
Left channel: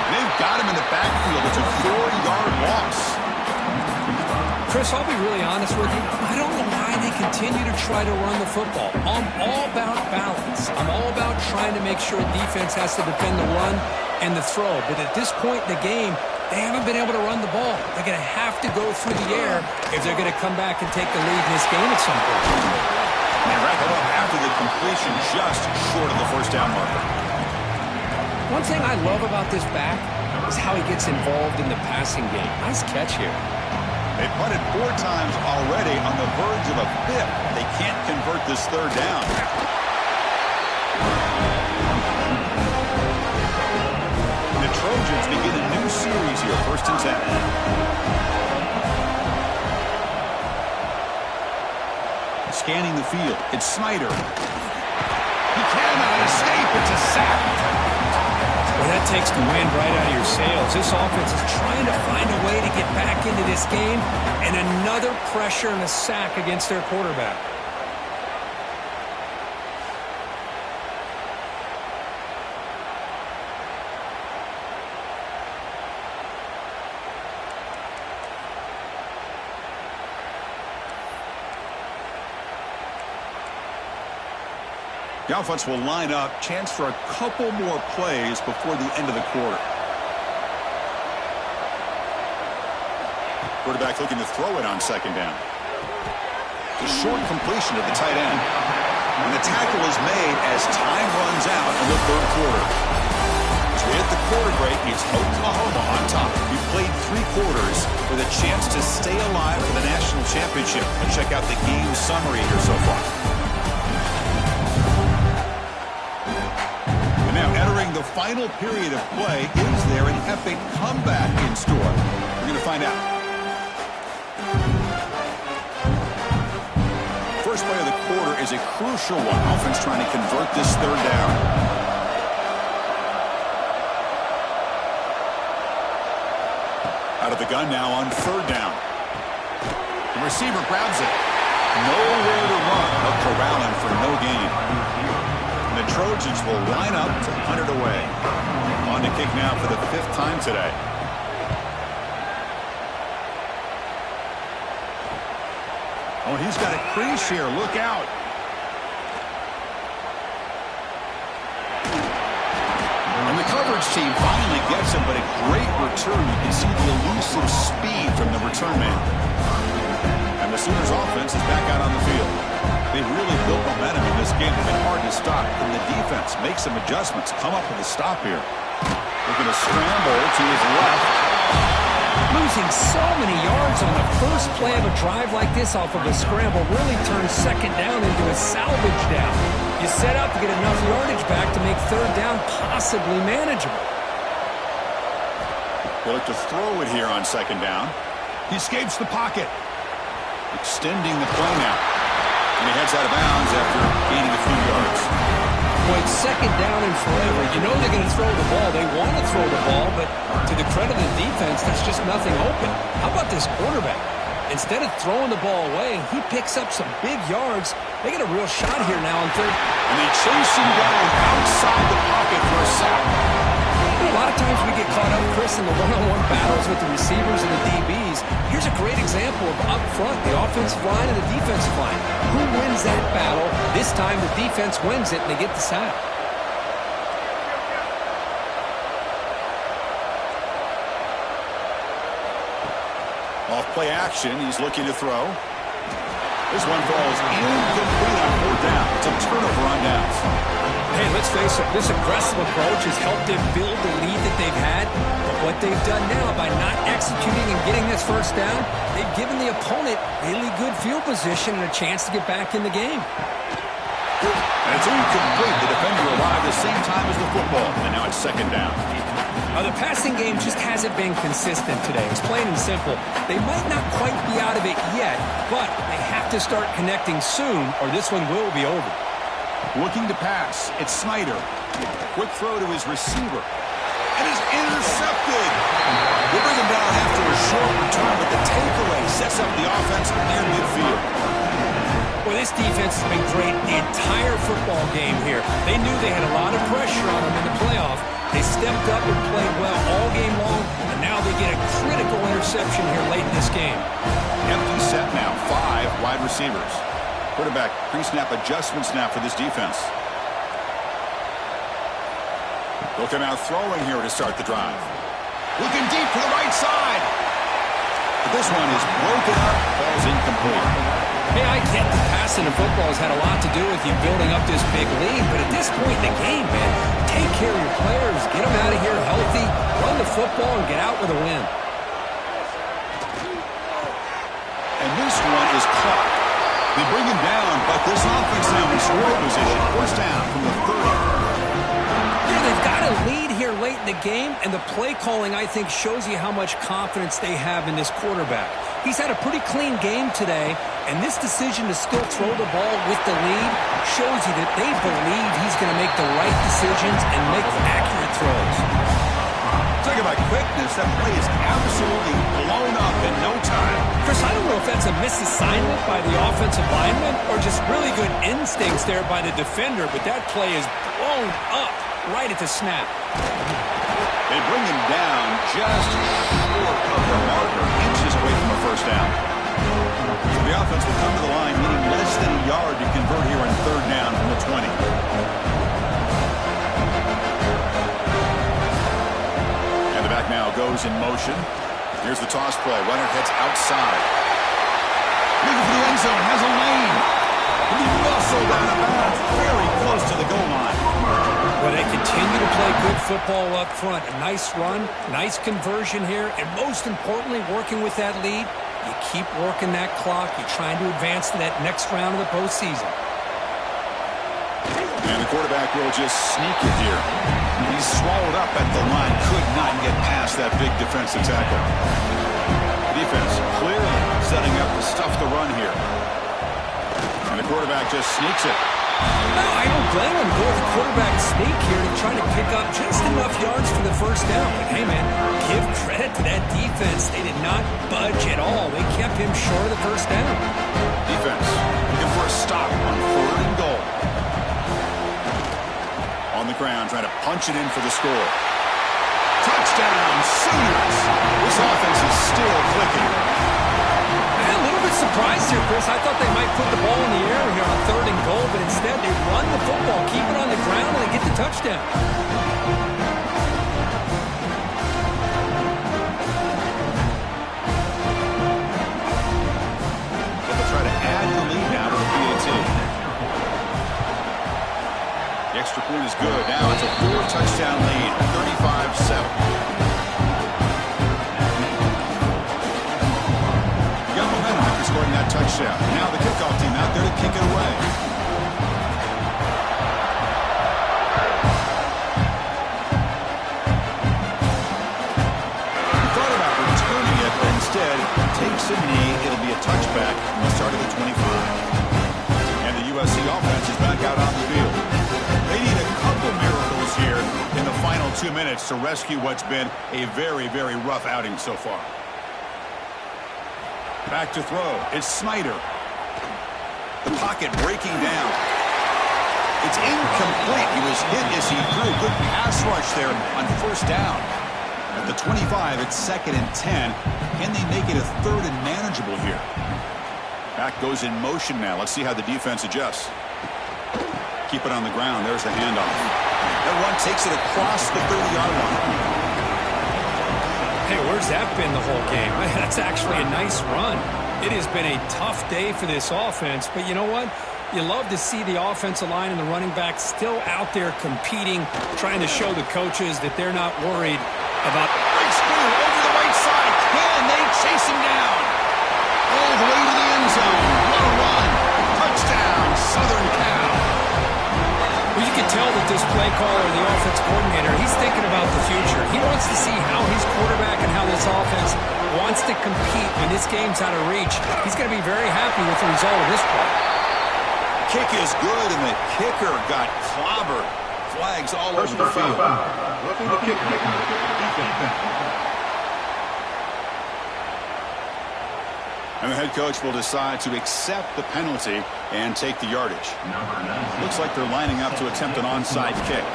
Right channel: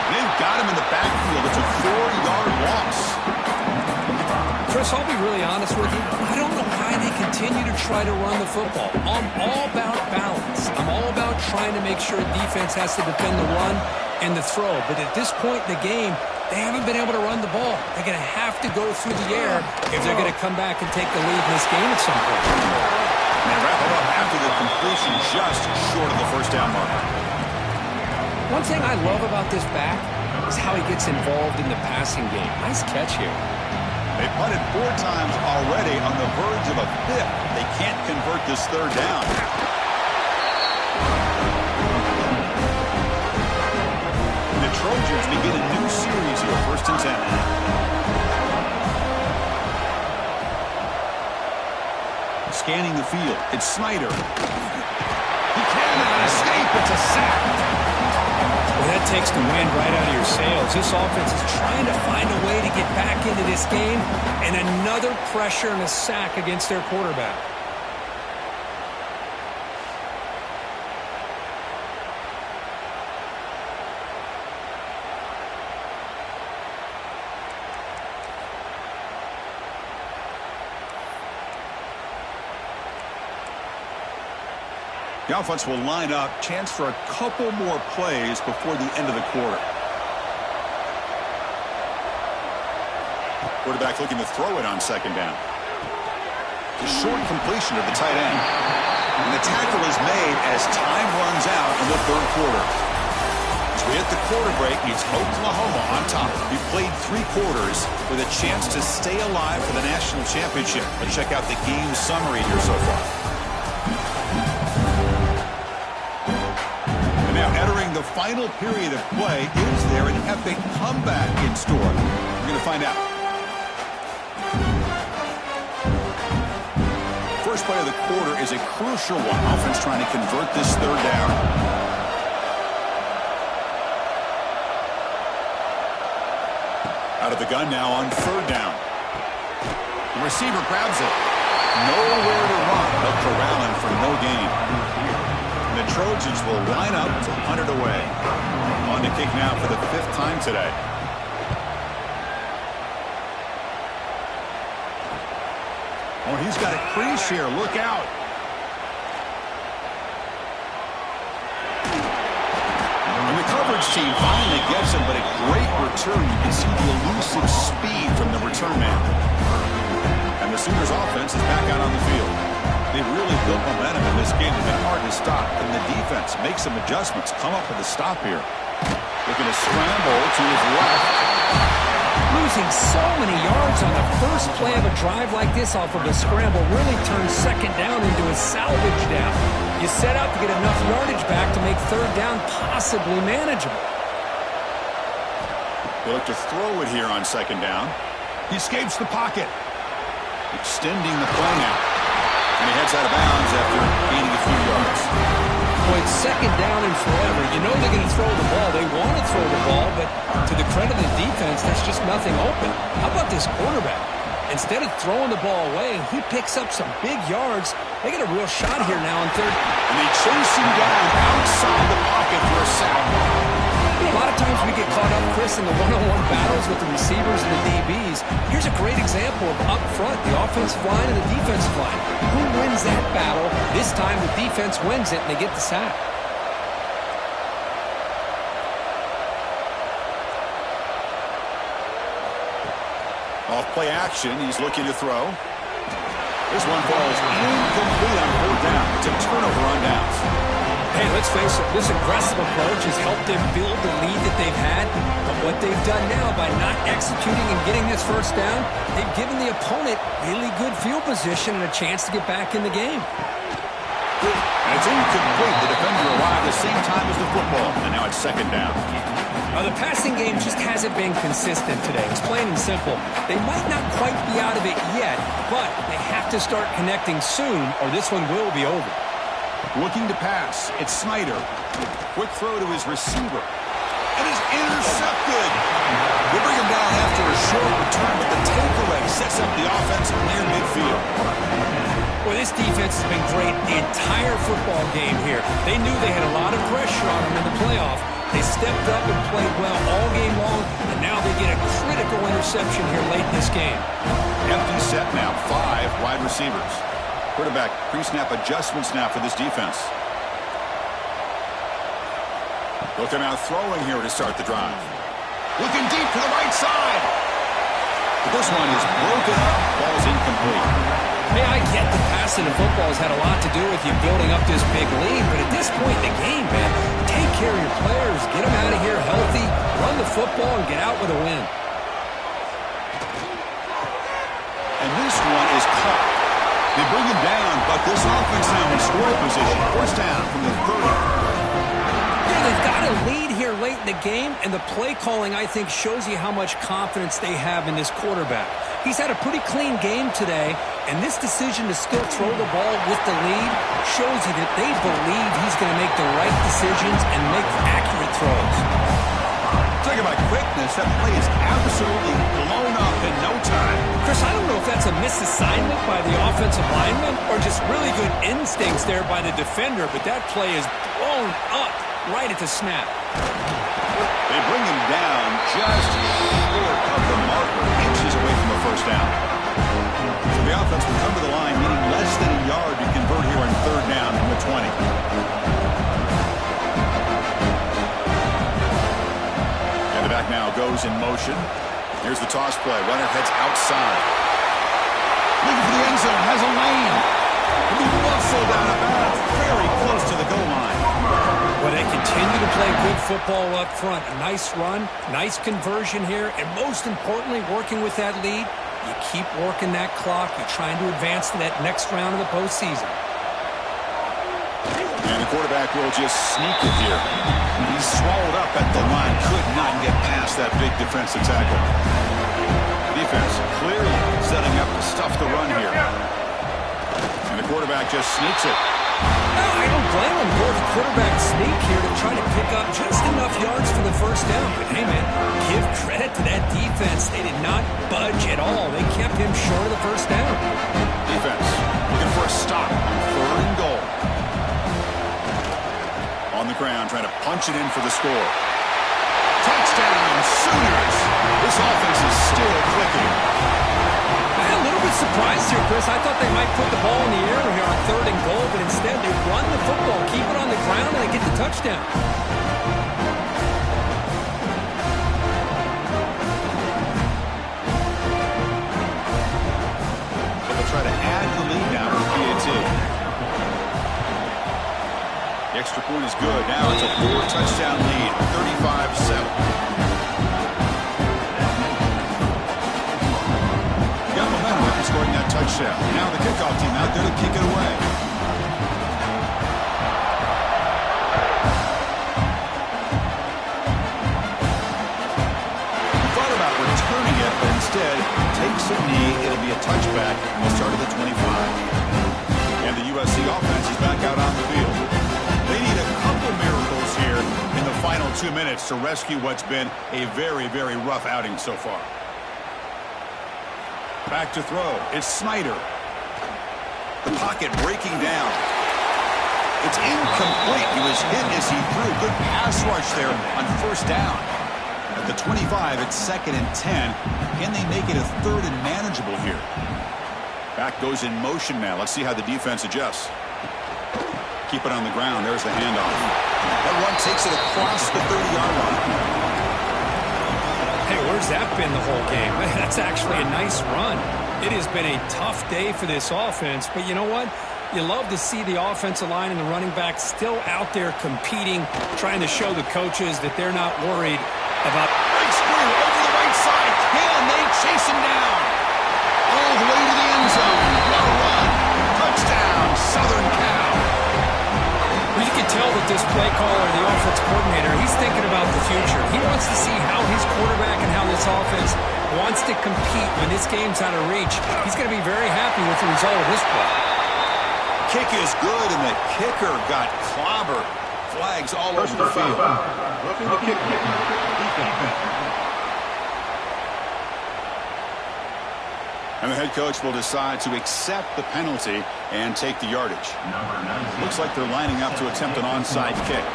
And they've got him in the backfield. It's a 4-yard loss. Chris, I'll be really honest with you. I don't know why they continue to try to run the football. I'm all about balance. I'm all about trying to make sure a defense has to defend the run and the throw. But at this point in the game, they haven't been able to run the ball. They're going to have to go through the air if they're going to come back and take the lead in this game at some point. And they wrap it up after the completion just short of the 1st down marker. One thing I love about this back is how he gets involved in the passing game. Nice catch here. They punted 4 times already, on the verge of a 5th. They can't convert this 3rd down. The Trojans begin a new series here, 1st and 10. Scanning the field, it's Snyder. He cannot escape, it's a sack. Well, that takes the wind right out of your sails. This offense is trying to find a way to get back into this game, and another pressure and a sack against their quarterback. The offense will line up. Chance for a couple more plays before the end of the quarter. Quarterback looking to throw it on 2nd down. The short completion to the tight end. And the tackle is made as time runs out in the 3rd quarter. As we hit the quarter break, it's Oklahoma on top. We played 3 quarters with a chance to stay alive for the national championship. Let's check out the game summary here so far. entering the final period of play. Is there an epic comeback in store? We're going to find out. First play of the quarter is a crucial one. Offense trying to convert this third down. Out of the gun now on third down. The receiver grabs it. Nowhere to run. They'll corral him for no gain. And the Trojans will line up to punt it away. On to kick now for the 5th time today. Oh, he's got a crease here. Look out. And the coverage team finally gets him, but a great return. You can see the elusive speed from the return man. And the Sooners offense is back out on the field. They've really built momentum in this game. They've been hard to stop. And the defense makes some adjustments. Come up with a stop here. Looking to scramble to his left. Losing so many yards on the first play of a drive like this off of a scramble really turns second down into a salvage down. You set out to get enough yardage back to make third down possibly manageable. They look to throw it here on second down. He escapes the pocket. Extending the play now. And he heads out of bounds after gaining a few yards. Boy, it's second down and forever. You know they're going to throw the ball. They want to throw the ball, but to the credit of the defense, there's just nothing open. How about this quarterback? Instead of throwing the ball away, he picks up some big yards. They get a real shot here now on third. And they chase him down outside the pocket for a sack. You know, a lot of times we get caught up, Chris, in the one-on-one battles with the receivers and the DBs. Here's a great example of up front, the offensive line and the defensive line. Who wins that battle? This time the defense wins it, and they get the sack. Off play action, he's looking to throw. This one falls incomplete on 4th down. It's a turnover on downs. Hey, let's face it, this aggressive approach has helped them build the lead that they've had. But what they've done now by not executing and getting this first down, they've given the opponent really good field position and a chance to get back in the game. And it's incomplete. The defender arrived the same time as the football, and now it's second down. The passing game just hasn't been consistent today. It's plain and simple. They might not quite be out of it yet, but they have to start connecting soon, or this one will be over. Looking to pass. It's Snyder. Quick throw to his receiver. And is intercepted. They bring him down after a short return, but the takeaway sets up the offense near midfield. Well, this defense has been great the entire football game here. They knew they had a lot of pressure on them in the playoff. They stepped up and played well all game long, and now they get a critical interception here late in this game. Empty set now. 5 wide receivers. Quarterback pre-snap adjustments now for this defense. They'll come out throwing here to start the drive. Looking deep to the right side. But this one is broken up. Ball's incomplete. Hey, I get the passing of football has had a lot to do with you building up this big lead, but at this point in the game, man, take care of your players, get them out of here healthy, run the football, and get out with a win. And this one is caught. They bring him down, but this offense now in scoring position. 4th down from the 30. You know, they've got a lead here late in the game, and the play calling, I think, shows you how much confidence they have in this quarterback. He's had a pretty clean game today, and this decision to still throw the ball with the lead shows you that they believe he's going to make the right decisions and make accurate throws. Talk about quickness. That play is absolutely blown up in no time. Chris, I don't know if that's a misassignment by the offensive lineman or just really good instincts there by the defender, but that play is blown up right at the snap. They bring him down just short of the marker, inches away from a first down. So the offense will come to the line, needing less than a yard to convert here on 3rd down from the 20. And the back now goes in motion. Here's the toss play. Runner heads outside. Looking for the end zone. Has a lane. He muscled out of bounds. Very close to the goal line. Well, they continue to play good football up front. A nice run, nice conversion here, and most importantly, working with that lead, you keep working that clock. You're trying to advance to that next round of the postseason. And the quarterback will just sneak it here. He's swallowed up at the line. Could not get past that big defensive tackle. The defense clearly setting up to stuff the run here. And the quarterback just sneaks it. No, I don't blame him. Go with the quarterback sneak here to try to pick up just enough yards for the first down. But hey, man, give credit to that defense. They did not budge at all. They kept him short of the first down. Defense looking for a stop on 3rd and goal. On the ground, trying to punch it in for the score. Touchdown, Sooners! This offense is still clicking. I'm a little bit surprised here, Chris. I thought they might put the ball in the air here on 3rd and goal, but instead they run the football, keep it on the ground, and they get the touchdown. But they'll try to add the lead now with the PAT. The extra point is good. Now it's a 4-touchdown lead, 35-7. Got momentum after scoring that touchdown. Now the kickoff team out there to kick it away. He thought about returning it, but instead takes a knee. It'll be a touchback. We'll start at the 25. And the USC offense is back out on the field. They need a couple miracles here in the final 2 minutes to rescue what's been a very, very rough outing so far. Back to throw. It's Snyder. The pocket breaking down. It's incomplete. He was hit as he threw. Good pass rush there on 1st down. At the 25, it's 2nd and 10. Can they make it a 3rd and manageable here? Back goes in motion now. Let's see how the defense adjusts. Keep it on the ground. There's the handoff. That run takes it across the 30-yard line. Hey, where's that been the whole game? That's actually a nice run. It has been a tough day for this offense, but you know what? You love to see the offensive line and the running back still out there competing, trying to show the coaches that they're not worried about. Big screen over the right side. Can they chase him down? All the way to the end zone. What a run. Touchdown, Southern Cal. Well, you can tell that this play caller, the offense coordinator, he's thinking about the future. He wants to see how his quarterback and how this offense wants to compete when this game's out of reach. He's going to be very happy with the result of this play. Kick is good, and the kicker got clobbered. Flags all over the field. Roughing the kick. Defense. And the head coach will decide to accept the penalty and take the yardage. Looks like they're lining up to attempt an onside kick.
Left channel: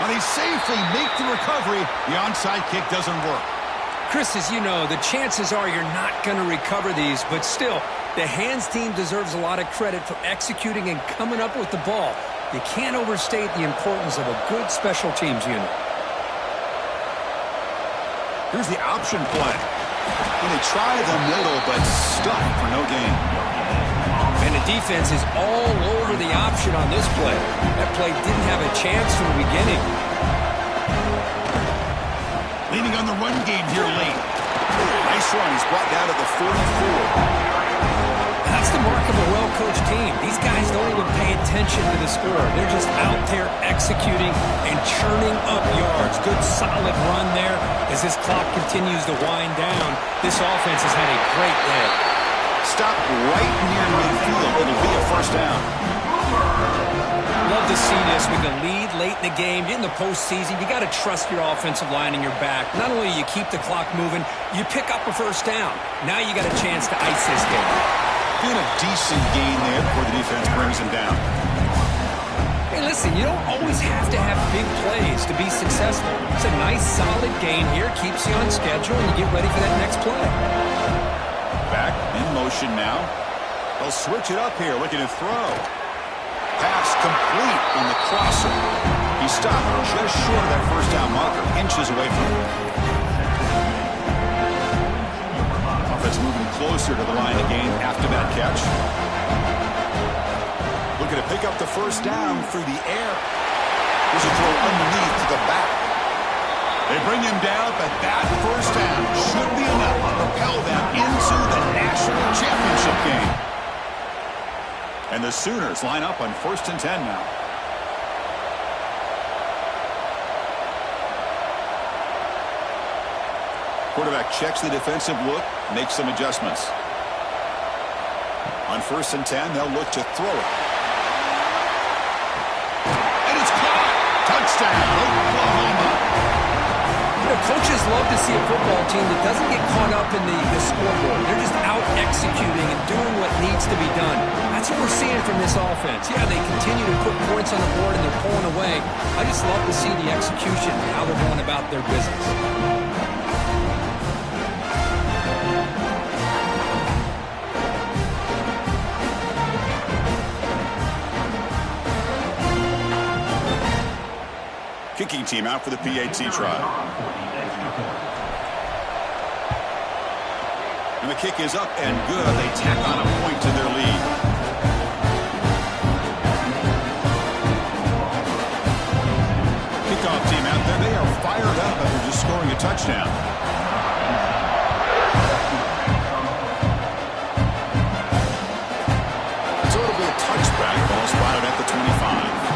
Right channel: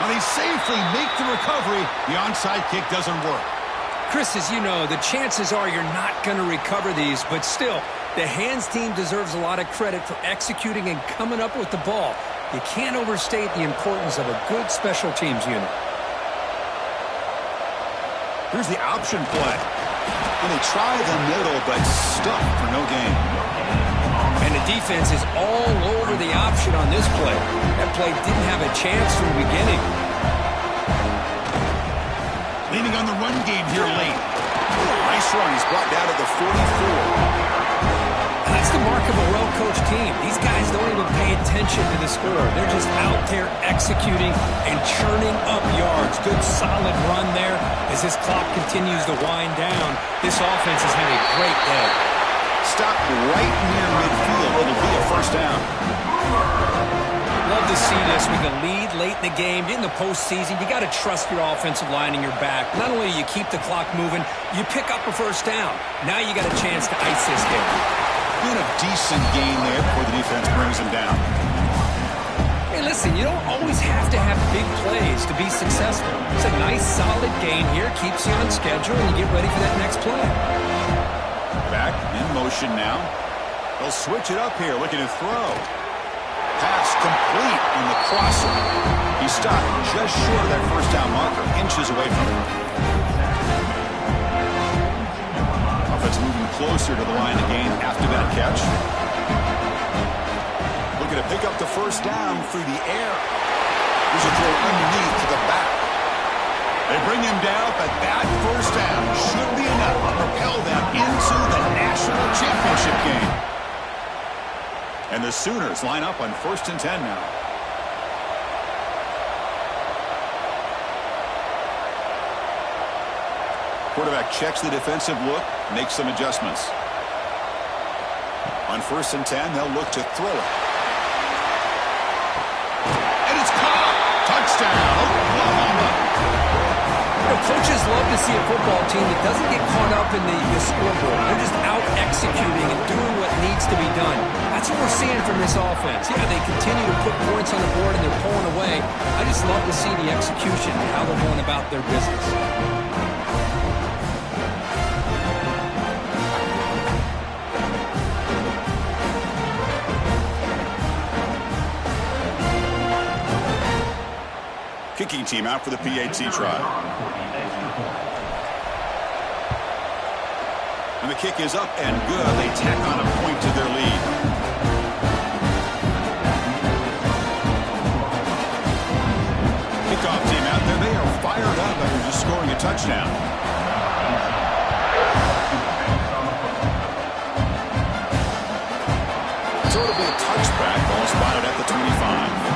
Now they safely make the recovery. The onside kick doesn't work. Chris, as you know, the chances are you're not going to recover these, but still, the hands team deserves a lot of credit for executing and coming up with the ball. You can't overstate the importance of a good special teams unit. Here's the option play. And they try the middle, but stuck for no gain. And the defense is all over the option on this play. That play didn't have a chance from the beginning. Leaning on the run game here late. Nice run. He's brought down to the 44. That's the mark of a well-coached team. These guys don't even pay attention to the score. They're just out there executing and churning up yards. Good, solid run there as this clock continues to wind down. This offense has had a great day. Stopped right near midfield. It'll be a 1st down. Love to see this with the lead late in the game. In the postseason, you got to trust your offensive line and your back. Not only do you keep the clock moving, you pick up a 1st down. Now you got a chance to ice this game. Doing a decent gain there before the defense brings him down. Hey, listen, you don't always have to have big plays to be successful. It's a nice, solid gain here. Keeps you on schedule, and you get ready for that next play. Back in motion now. They'll switch it up here, looking to throw. Pass complete on the crosser. He stopped just short of that 1st down marker, inches away from it. Offense moving closer to the line of game after that catch. Looking to pick up the 1st down through the air. Here's a throw underneath to the back. They bring him down, but that 1st down should be enough to propel them into the national championship game. And the Sooners line up on 1st and 10 now. Quarterback checks the defensive look, makes some adjustments. On 1st and 10, they'll look to throw it. And it's caught! Touchdown, Oklahoma! You know, coaches love to see a football team that doesn't get caught up in the scoreboard. They're just out executing and doing what needs to be done. That's what we're seeing from this offense. Yeah, they continue to put points on the board and they're pulling away. I just love to see the execution and how they're going about their business. Kicking team out for the PAT try. And the kick is up and good. They tack on a point to their lead. Kickoff team out there. They are fired up after just scoring a touchdown. So it'll be a touchback. Ball spotted at the 25.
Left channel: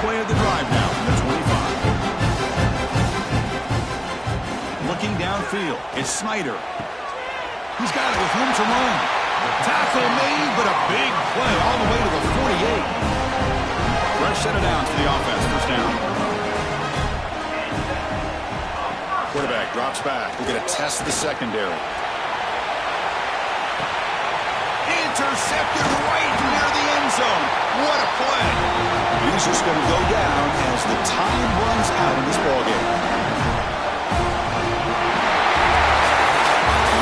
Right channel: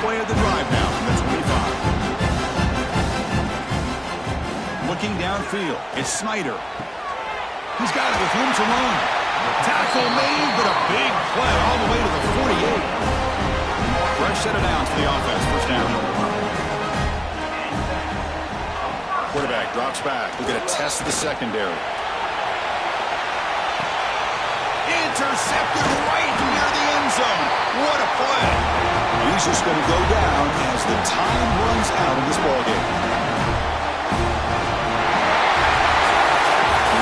Play of the drive now from the 25. Looking downfield, it's Snyder. He's got it with room to run. Tackle made, but a big play all the way to the 48. Fresh set of downs for the offense, first down. Quarterback drops back. We're going to test the secondary. Intercepted right near the end zone. What a play. He's just going to go down as the time runs out in this ballgame.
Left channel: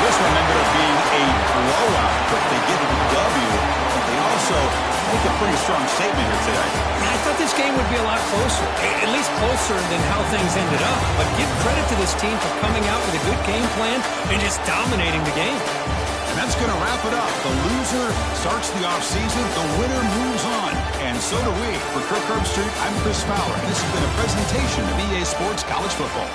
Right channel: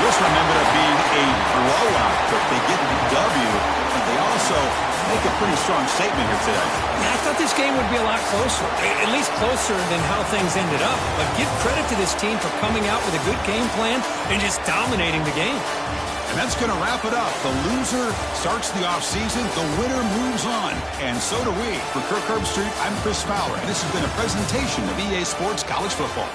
This one ended up being a blowout, but they get the W, but they also make a pretty strong statement here today. Yeah, I thought this game would be a lot closer, at least closer than how things ended up. But give credit to this team for coming out with a good game plan and just dominating the game. And that's going to wrap it up. The loser starts the offseason. The winner moves on. And so do we. For Kirk Herbstreit, I'm Chris Fowler. And this has been a presentation of EA Sports College Football.